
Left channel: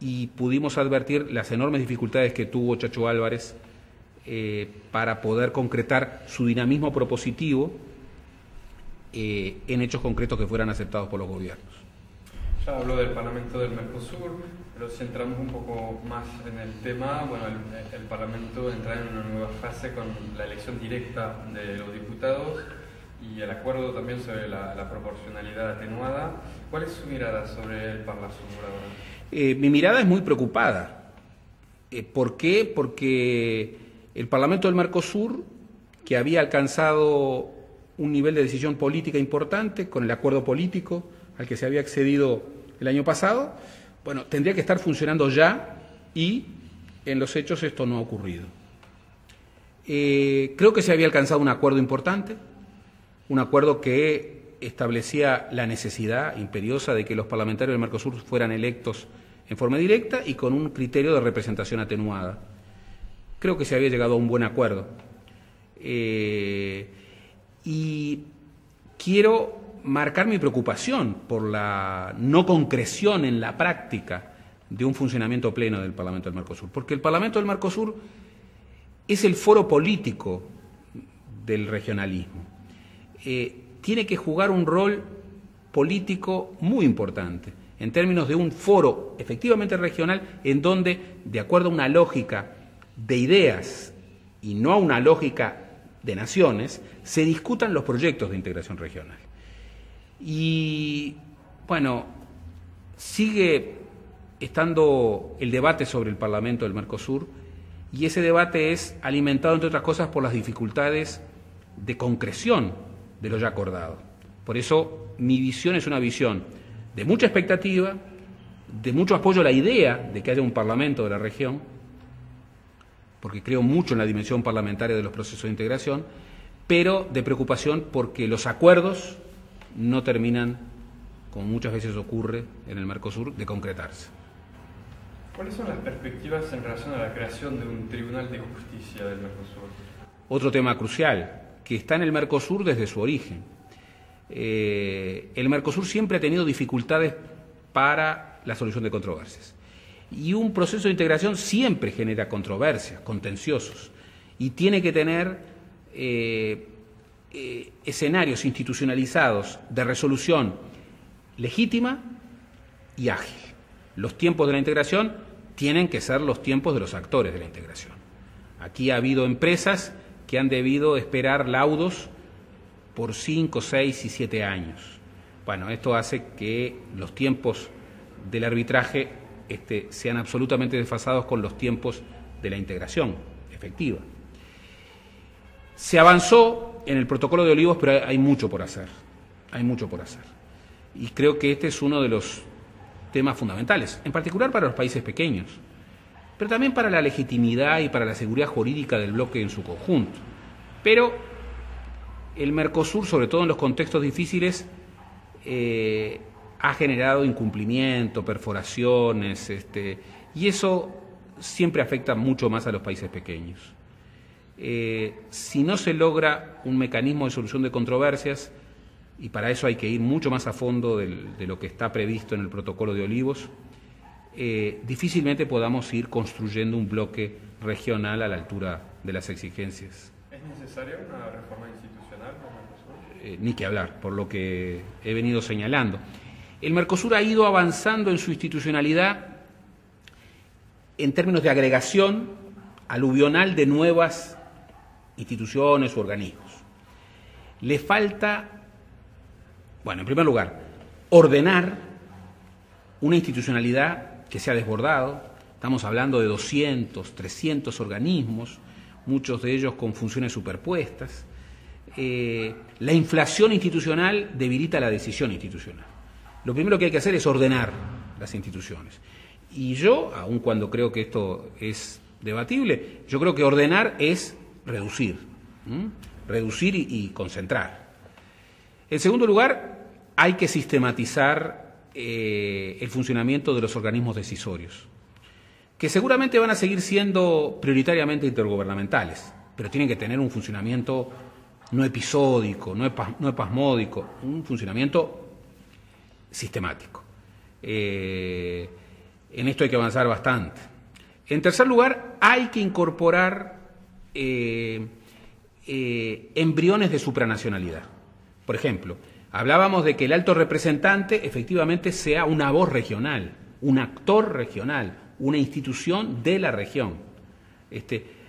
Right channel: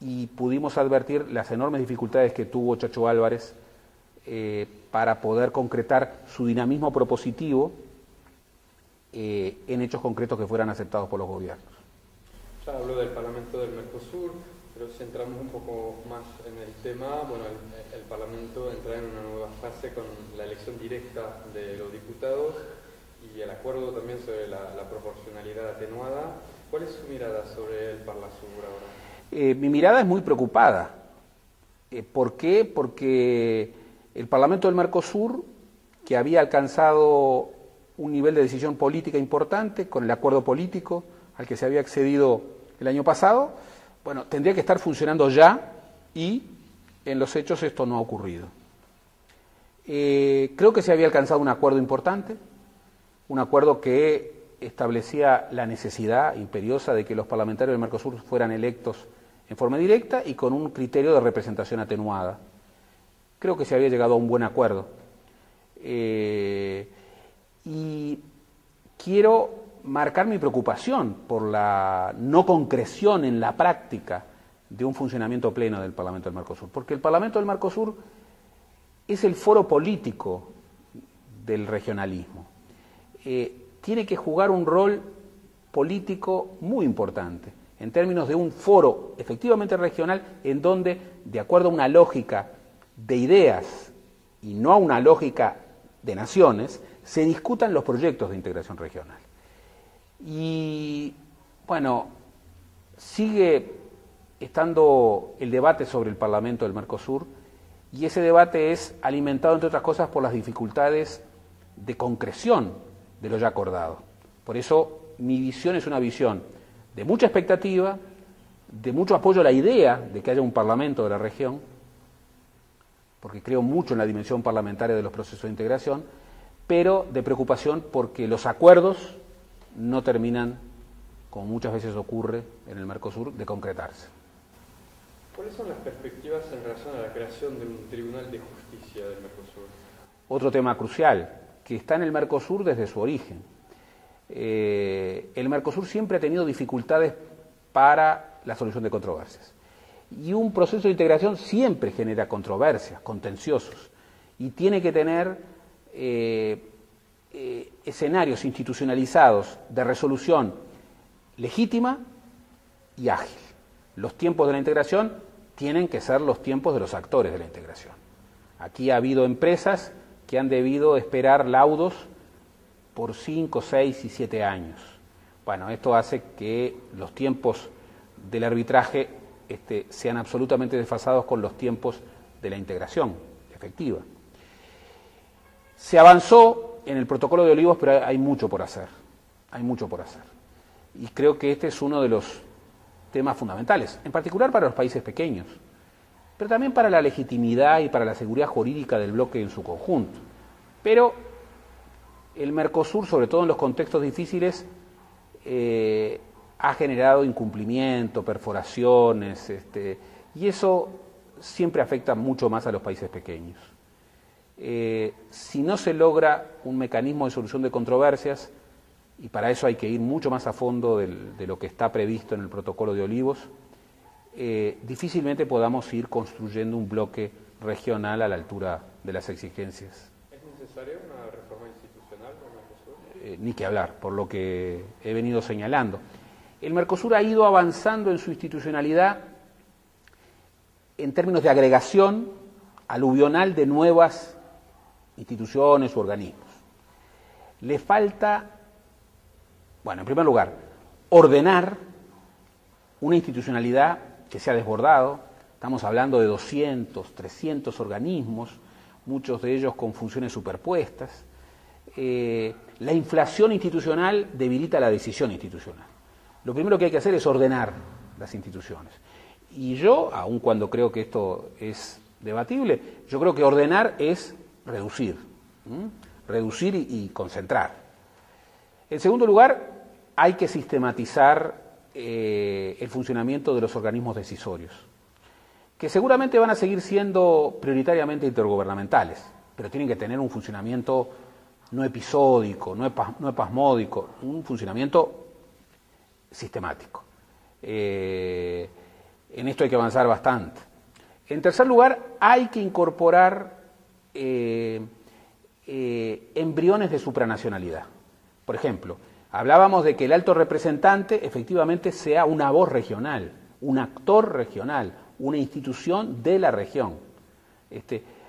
y pudimos advertir las enormes dificultades que tuvo Chacho Álvarez para poder concretar su dinamismo propositivo en hechos concretos que fueran aceptados por los gobiernos. Ya habló del Parlamento del Mercosur, pero si entramos un poco más en el tema, bueno, el Parlamento entra en una nueva fase con la elección directa de los diputados y el acuerdo también sobre la proporcionalidad atenuada. ¿Cuál es su mirada sobre el Parlasur ahora? Mi mirada es muy preocupada. ¿Por qué? Porque el Parlamento del Mercosur, que había alcanzado un nivel de decisión política importante con el acuerdo político al que se había accedido el año pasado, bueno, tendría que estar funcionando ya y en los hechos esto no ha ocurrido. Creo que se había alcanzado un acuerdo importante, un acuerdo que establecía la necesidad imperiosa de que los parlamentarios del Mercosur fueran electos en forma directa y con un criterio de representación atenuada. Creo que se había llegado a un buen acuerdo. Y quiero marcar mi preocupación por la no concreción en la práctica de un funcionamiento pleno del Parlamento del Mercosur, porque el Parlamento del Mercosur es el foro político del regionalismo. Tiene que jugar un rol político muy importante en términos de un foro efectivamente regional en donde, de acuerdo a una lógica de ideas y no a una lógica de naciones, se discutan los proyectos de integración regional. Y bueno, sigue estando el debate sobre el Parlamento del Mercosur y ese debate es alimentado, entre otras cosas, por las dificultades de concreción de lo ya acordado. Por eso mi visión es una visión de mucha expectativa, de mucho apoyo a la idea de que haya un Parlamento de la región, porque creo mucho en la dimensión parlamentaria de los procesos de integración, pero de preocupación porque los acuerdos no terminan, como muchas veces ocurre en el Mercosur, de concretarse. ¿Cuáles son las perspectivas en relación a la creación de un Tribunal de Justicia del Mercosur? Otro tema crucial, que está en el Mercosur desde su origen. El Mercosur siempre ha tenido dificultades para la solución de controversias. Y un proceso de integración siempre genera controversias, contenciosos, y tiene que tener escenarios institucionalizados de resolución legítima y ágil. Los tiempos de la integración tienen que ser los tiempos de los actores de la integración. Aquí ha habido empresas que han debido esperar laudos por 5, 6 y 7 años. Bueno, esto hace que los tiempos del arbitraje sean absolutamente desfasados con los tiempos de la integración efectiva. Se avanzó en el protocolo de Olivos, pero hay mucho por hacer. Hay mucho por hacer. Y creo que este es uno de los temas fundamentales, en particular para los países pequeños, pero también para la legitimidad y para la seguridad jurídica del bloque en su conjunto. Pero el Mercosur, sobre todo en los contextos difíciles, ha generado incumplimiento, perforaciones, y eso siempre afecta mucho más a los países pequeños. Si no se logra un mecanismo de solución de controversias, y para eso hay que ir mucho más a fondo de lo que está previsto en el protocolo de Olivos, difícilmente podamos ir construyendo un bloque regional a la altura de las exigencias. ¿Es necesaria una reforma institucional del Mercosur? Ni que hablar, por lo que he venido señalando. El Mercosur ha ido avanzando en su institucionalidad en términos de agregación aluvional de nuevas instituciones u organismos. Le falta, bueno, en primer lugar, ordenar una institucionalidad que se ha desbordado. Estamos hablando de 200, 300 organismos, muchos de ellos con funciones superpuestas. La inflación institucional debilita la decisión institucional. Lo primero que hay que hacer es ordenar las instituciones. Y yo, aun cuando creo que esto es debatible. Yo creo que ordenar es reducir, reducir y concentrar. En segundo lugar, hay que sistematizar el funcionamiento de los organismos decisorios, que seguramente van a seguir siendo prioritariamente intergubernamentales, pero tienen que tener un funcionamiento no episódico, no espasmódico, un funcionamiento sistemático. En esto hay que avanzar bastante. En tercer lugar, hay que incorporar embriones de supranacionalidad. Por ejemplo, hablábamos de que el alto representante efectivamente sea una voz regional, un actor regional, una institución de la región.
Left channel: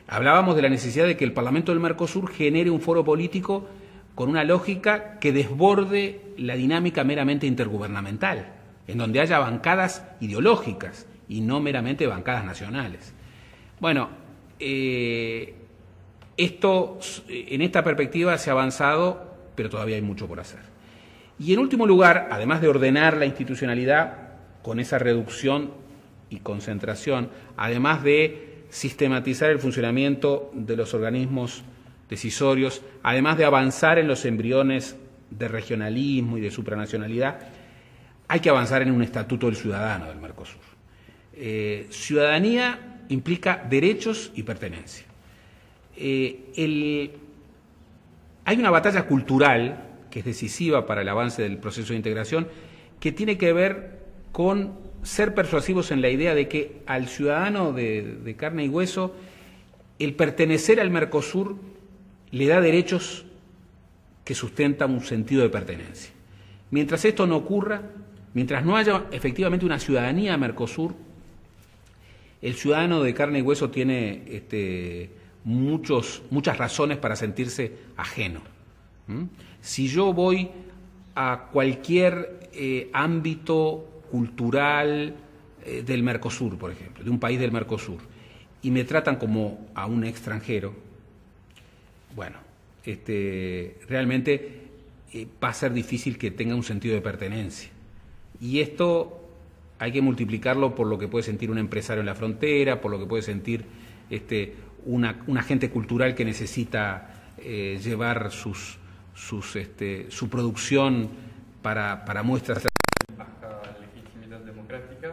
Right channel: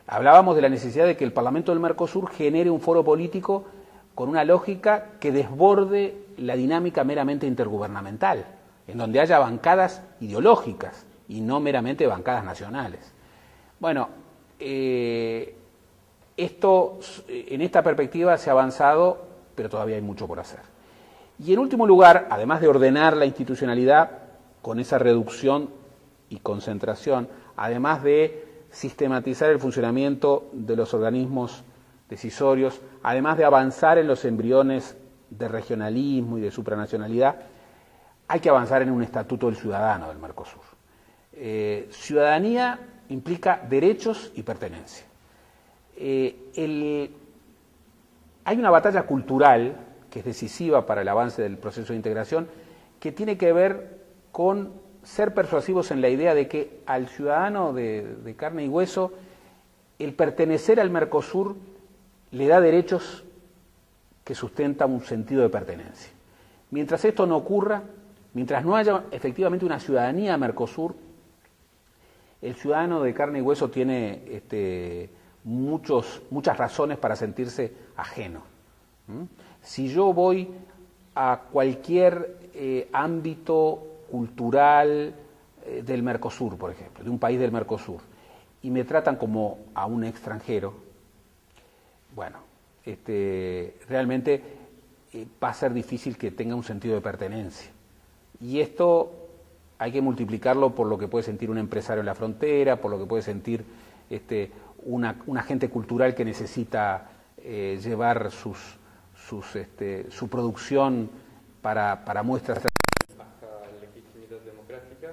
Hablábamos de la necesidad de que el Parlamento del Mercosur genere un foro político con una lógica que desborde la dinámica meramente intergubernamental, en donde haya bancadas ideológicas y no meramente bancadas nacionales. Bueno, en esta perspectiva se ha avanzado, pero todavía hay mucho por hacer. Y en último lugar, además de ordenar la institucionalidad con esa reducción y concentración, además de sistematizar el funcionamiento de los organismos decisorios, además de avanzar en los embriones de regionalismo y de supranacionalidad, hay que avanzar en un estatuto del ciudadano del Mercosur. Ciudadanía implica derechos y pertenencia. Hay una batalla cultural que es decisiva para el avance del proceso de integración, que tiene que ver con ser persuasivos en la idea de que al ciudadano de carne y hueso el pertenecer al Mercosur le da derechos que sustentan un sentido de pertenencia. Mientras esto no ocurra, mientras no haya efectivamente una ciudadanía Mercosur, el ciudadano de carne y hueso tiene muchas razones para sentirse ajeno. Si yo voy a cualquier ámbito cultural del Mercosur, por ejemplo, de un país del Mercosur, y me tratan como a un extranjero, bueno, realmente va a ser difícil que tenga un sentido de pertenencia. Y esto hay que multiplicarlo por lo que puede sentir un empresario en la frontera, por lo que puede sentir un agente cultural que necesita llevar su producción para muestras. Baja legitimidad democrática.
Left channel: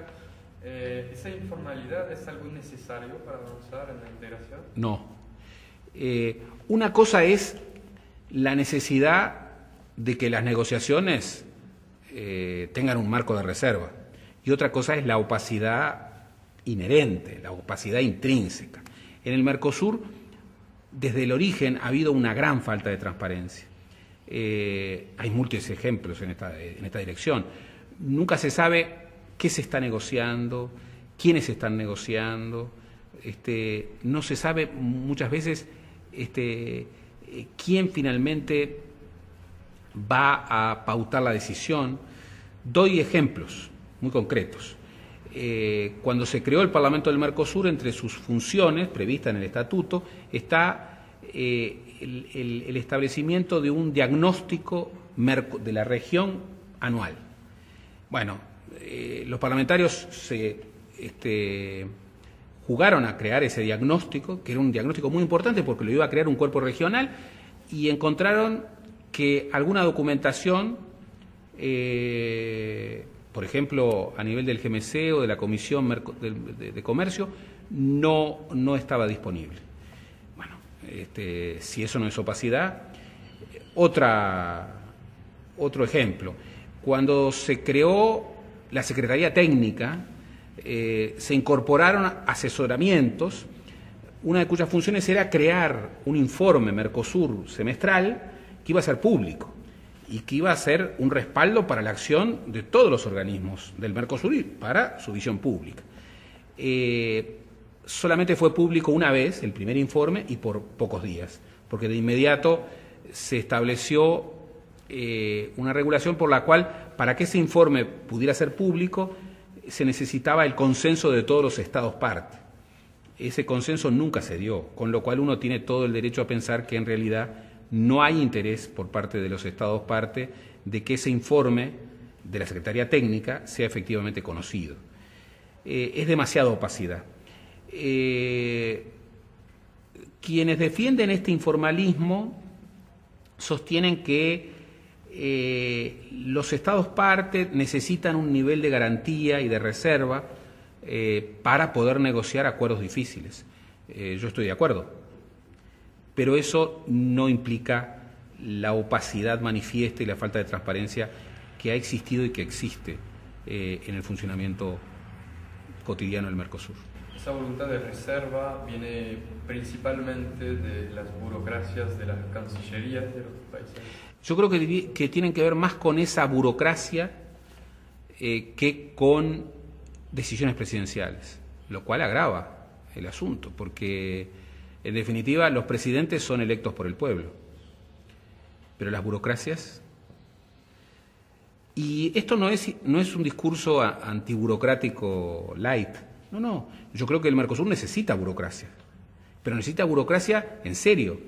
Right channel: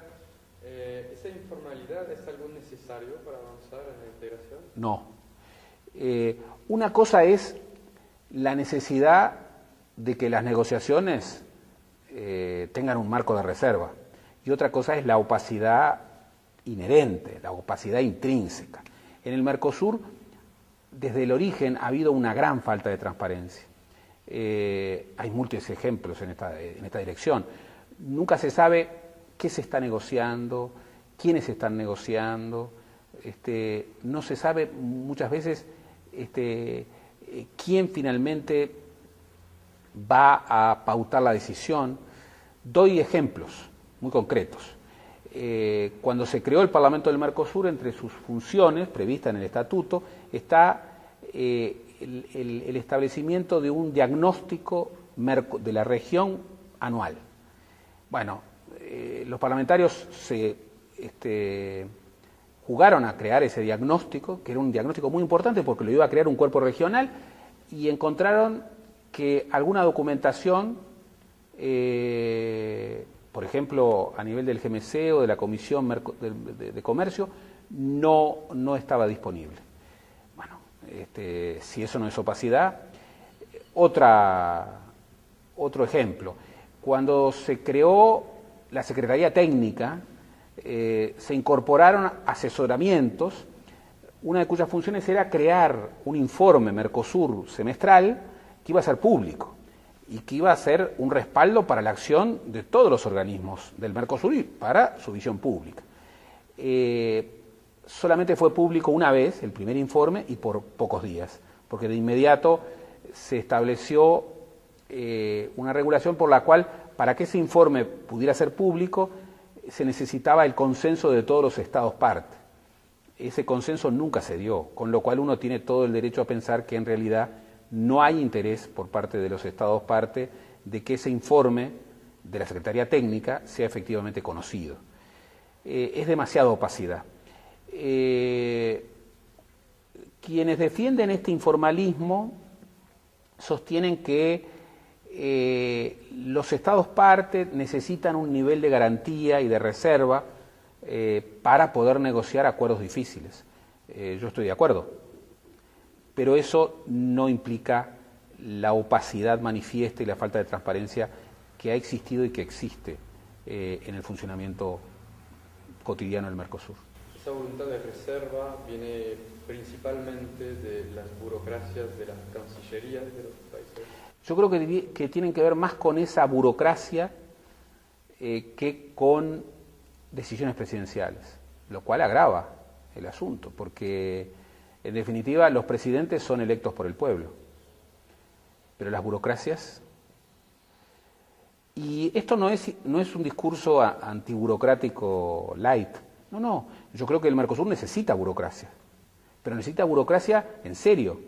¿Esa informalidad es algo necesario para avanzar en la integración? No. Una cosa es la necesidad de que las negociaciones tengan un marco de reserva, y otra cosa es la opacidad inherente, la opacidad intrínseca. En el Mercosur, desde el origen, ha habido una gran falta de transparencia. Hay múltiples ejemplos en esta dirección. Nunca se sabe qué se está negociando, quiénes están negociando, no se sabe muchas veces quién finalmente va a pautar la decisión. Doy ejemplos muy concretos. Cuando se creó el Parlamento del Mercosur, entre sus funciones previstas en el estatuto está el establecimiento de un diagnóstico de la región anual. Bueno, los parlamentarios se jugaron a crear ese diagnóstico, que era un diagnóstico muy importante porque lo iba a crear un cuerpo regional, y encontraron que alguna documentación, por ejemplo, a nivel del GMC o de la Comisión de Comercio, no estaba disponible. Bueno, si eso no es opacidad. Otro ejemplo, cuando se creó la Secretaría Técnica, se incorporaron asesoramientos, una de cuyas funciones era crear un informe Mercosur semestral que iba a ser público y que iba a ser un respaldo para la acción de todos los organismos del Mercosur y para su visión pública. Solamente fue público una vez el primer informe y por pocos días, porque de inmediato se estableció una regulación por la cual, para que ese informe pudiera ser público, se necesitaba el consenso de todos los estados parte. Ese consenso nunca se dio, con lo cual uno tiene todo el derecho a pensar que en realidad no hay interés por parte de los estados parte de que ese informe de la Secretaría Técnica sea efectivamente conocido. Es demasiada opacidad. quienes defienden este informalismo sostienen que los estados parte necesitan un nivel de garantía y de reserva para poder negociar acuerdos difíciles. Yo estoy de acuerdo, pero eso no implica la opacidad manifiesta y la falta de transparencia que ha existido y que existe en el funcionamiento cotidiano del Mercosur. Esa voluntad de reserva viene principalmente de las burocracias de las cancillerías de los países. Yo creo que tienen que ver más con esa burocracia que con decisiones presidenciales, lo cual agrava el asunto, porque en definitiva los presidentes son electos por el pueblo, pero las burocracias... Y esto no es un discurso antiburocrático light, no, yo creo que el Mercosur necesita burocracia, pero necesita burocracia en serio,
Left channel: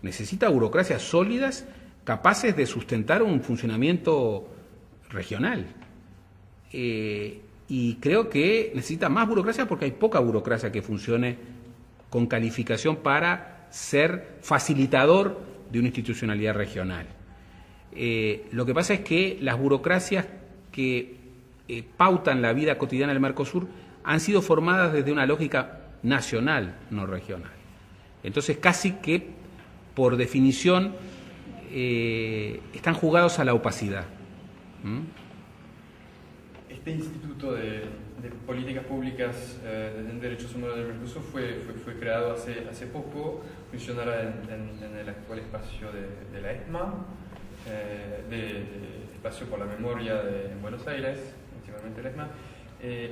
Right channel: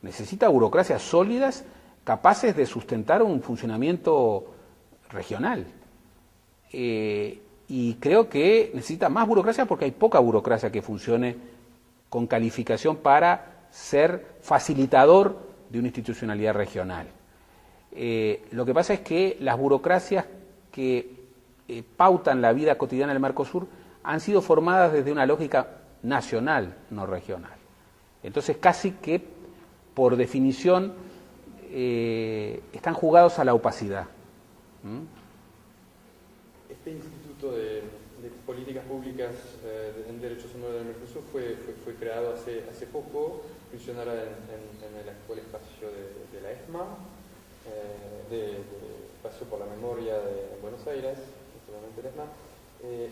necesita burocracias sólidas capaces de sustentar un funcionamiento regional. Y creo que necesita más burocracia porque hay poca burocracia que funcione con calificación para ser facilitador de una institucionalidad regional. Lo que pasa es que las burocracias que pautan la vida cotidiana del Mercosur han sido formadas desde una lógica nacional, no regional. Entonces casi que, por definición, están jugados a la opacidad. Este Instituto de Políticas Públicas de Derechos Humanos del Mercosur fue creado hace poco, funcionará en el actual espacio de la ESMA, de Espacio por la Memoria en Buenos Aires, antiguamente la ESMA.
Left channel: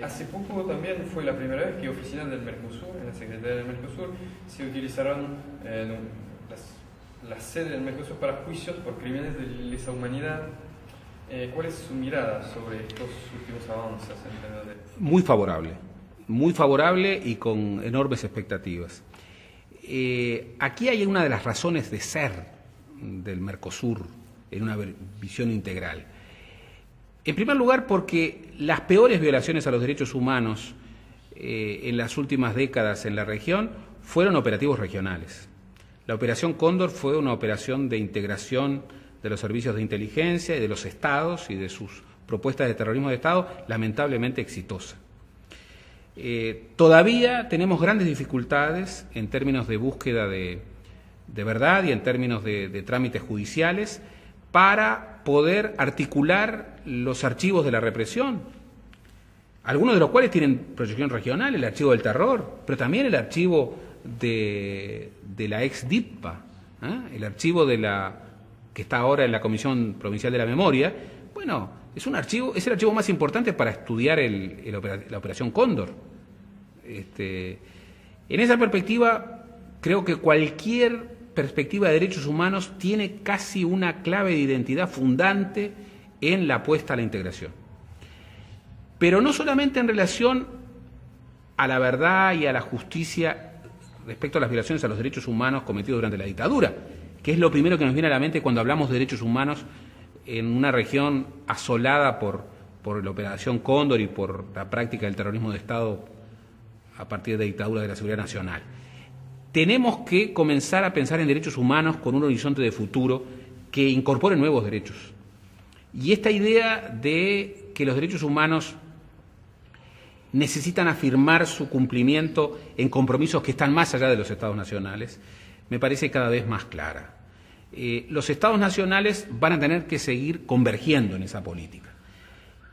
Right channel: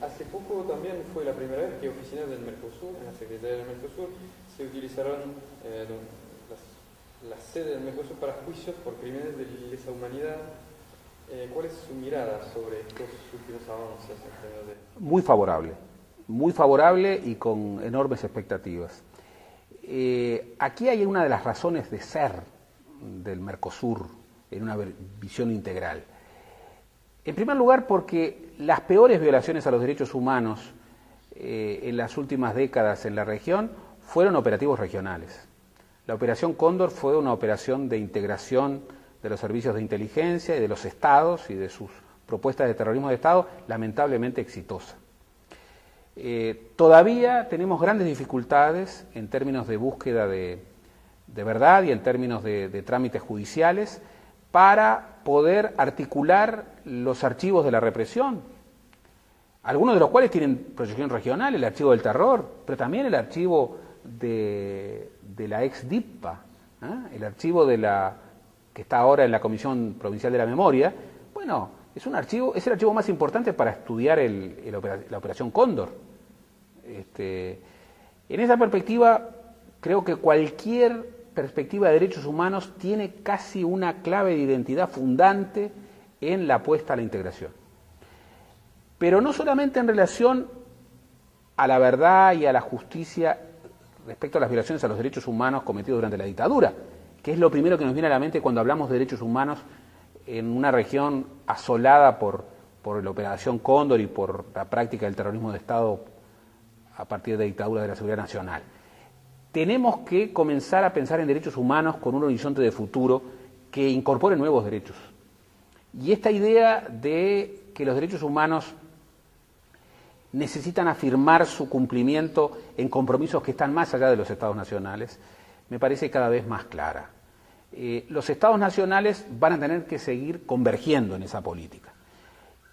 Hace poco también fue la primera vez que oficinas del Mercosur, en la Secretaría del Mercosur, se utilizaron la sede del Mercosur para juicios por crímenes de lesa humanidad. ¿Cuál es su mirada sobre estos últimos avances en tema de... Muy favorable y con enormes expectativas. Aquí hay una de las razones de ser del Mercosur en una visión integral. En primer lugar, porque las peores violaciones a los derechos humanos en las últimas décadas en la región fueron operativos regionales. La Operación Cóndor fue una operación de integración de los servicios de inteligencia y de los estados y de sus propuestas de terrorismo de Estado, lamentablemente exitosa. Todavía tenemos grandes dificultades en términos de búsqueda de verdad y en términos de trámites judiciales para poder articular los archivos de la represión, algunos de los cuales tienen proyección regional, el archivo del terror, pero también el archivo de la ex-DITPA, el archivo que está ahora en la Comisión Provincial de la Memoria. Bueno, es el archivo más importante para estudiar la Operación Cóndor. En esa perspectiva, creo que cualquier perspectiva de derechos humanos tiene casi una clave de identidad fundante en la apuesta a la integración. Pero no solamente en relación a la verdad y a la justicia respecto a las violaciones a los derechos humanos cometidos durante la dictadura, que es lo primero que nos viene a la mente cuando hablamos de derechos humanos en una región asolada por la Operación Cóndor y por la práctica del terrorismo de Estado a partir de dictaduras de la seguridad nacional. Tenemos que comenzar a pensar en derechos humanos con un horizonte de futuro que incorpore nuevos derechos. Y esta idea de que los derechos humanos necesitan afirmar su cumplimiento en compromisos que están más allá de los estados nacionales, me parece cada vez más clara. Los estados nacionales van a tener que seguir convergiendo en esa política.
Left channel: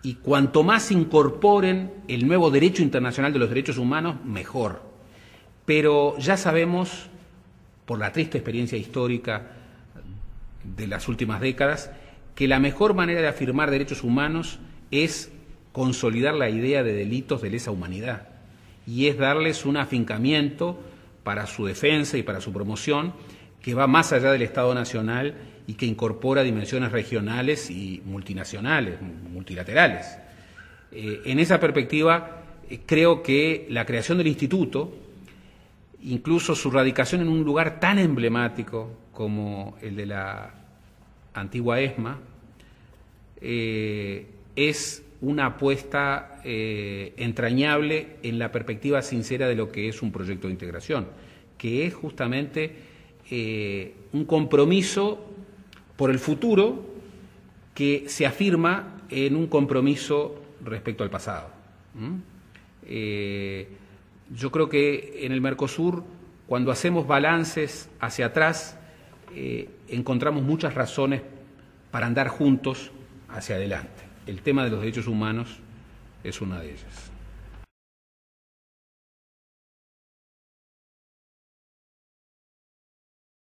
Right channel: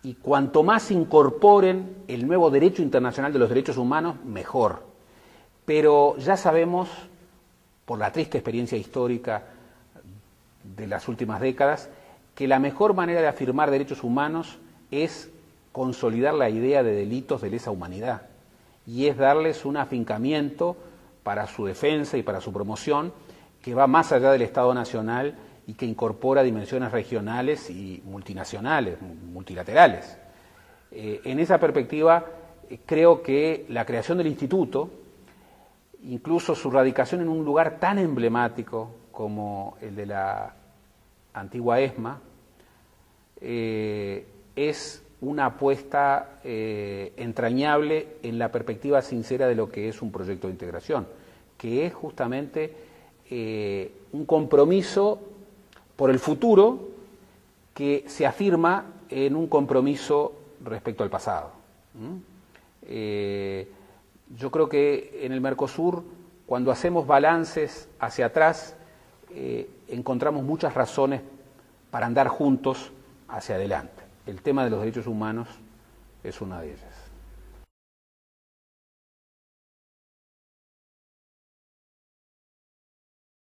Y cuanto más incorporen el nuevo derecho internacional de los derechos humanos, mejor. Pero ya sabemos, por la triste experiencia histórica de las últimas décadas, que la mejor manera de afirmar derechos humanos es consolidar la idea de delitos de lesa humanidad y es darles un afincamiento para su defensa y para su promoción que va más allá del Estado nacional y que incorpora dimensiones regionales y multinacionales, multilaterales. En esa perspectiva, creo que la creación del instituto, incluso su radicación en un lugar tan emblemático como el de la antigua ESMA, es una apuesta entrañable en la perspectiva sincera de lo que es un proyecto de integración, que es justamente un compromiso por el futuro que se afirma en un compromiso respecto al pasado. Yo creo que en el Mercosur, cuando hacemos balances hacia atrás, encontramos muchas razones para andar juntos hacia adelante. El tema de los derechos humanos es una de ellas.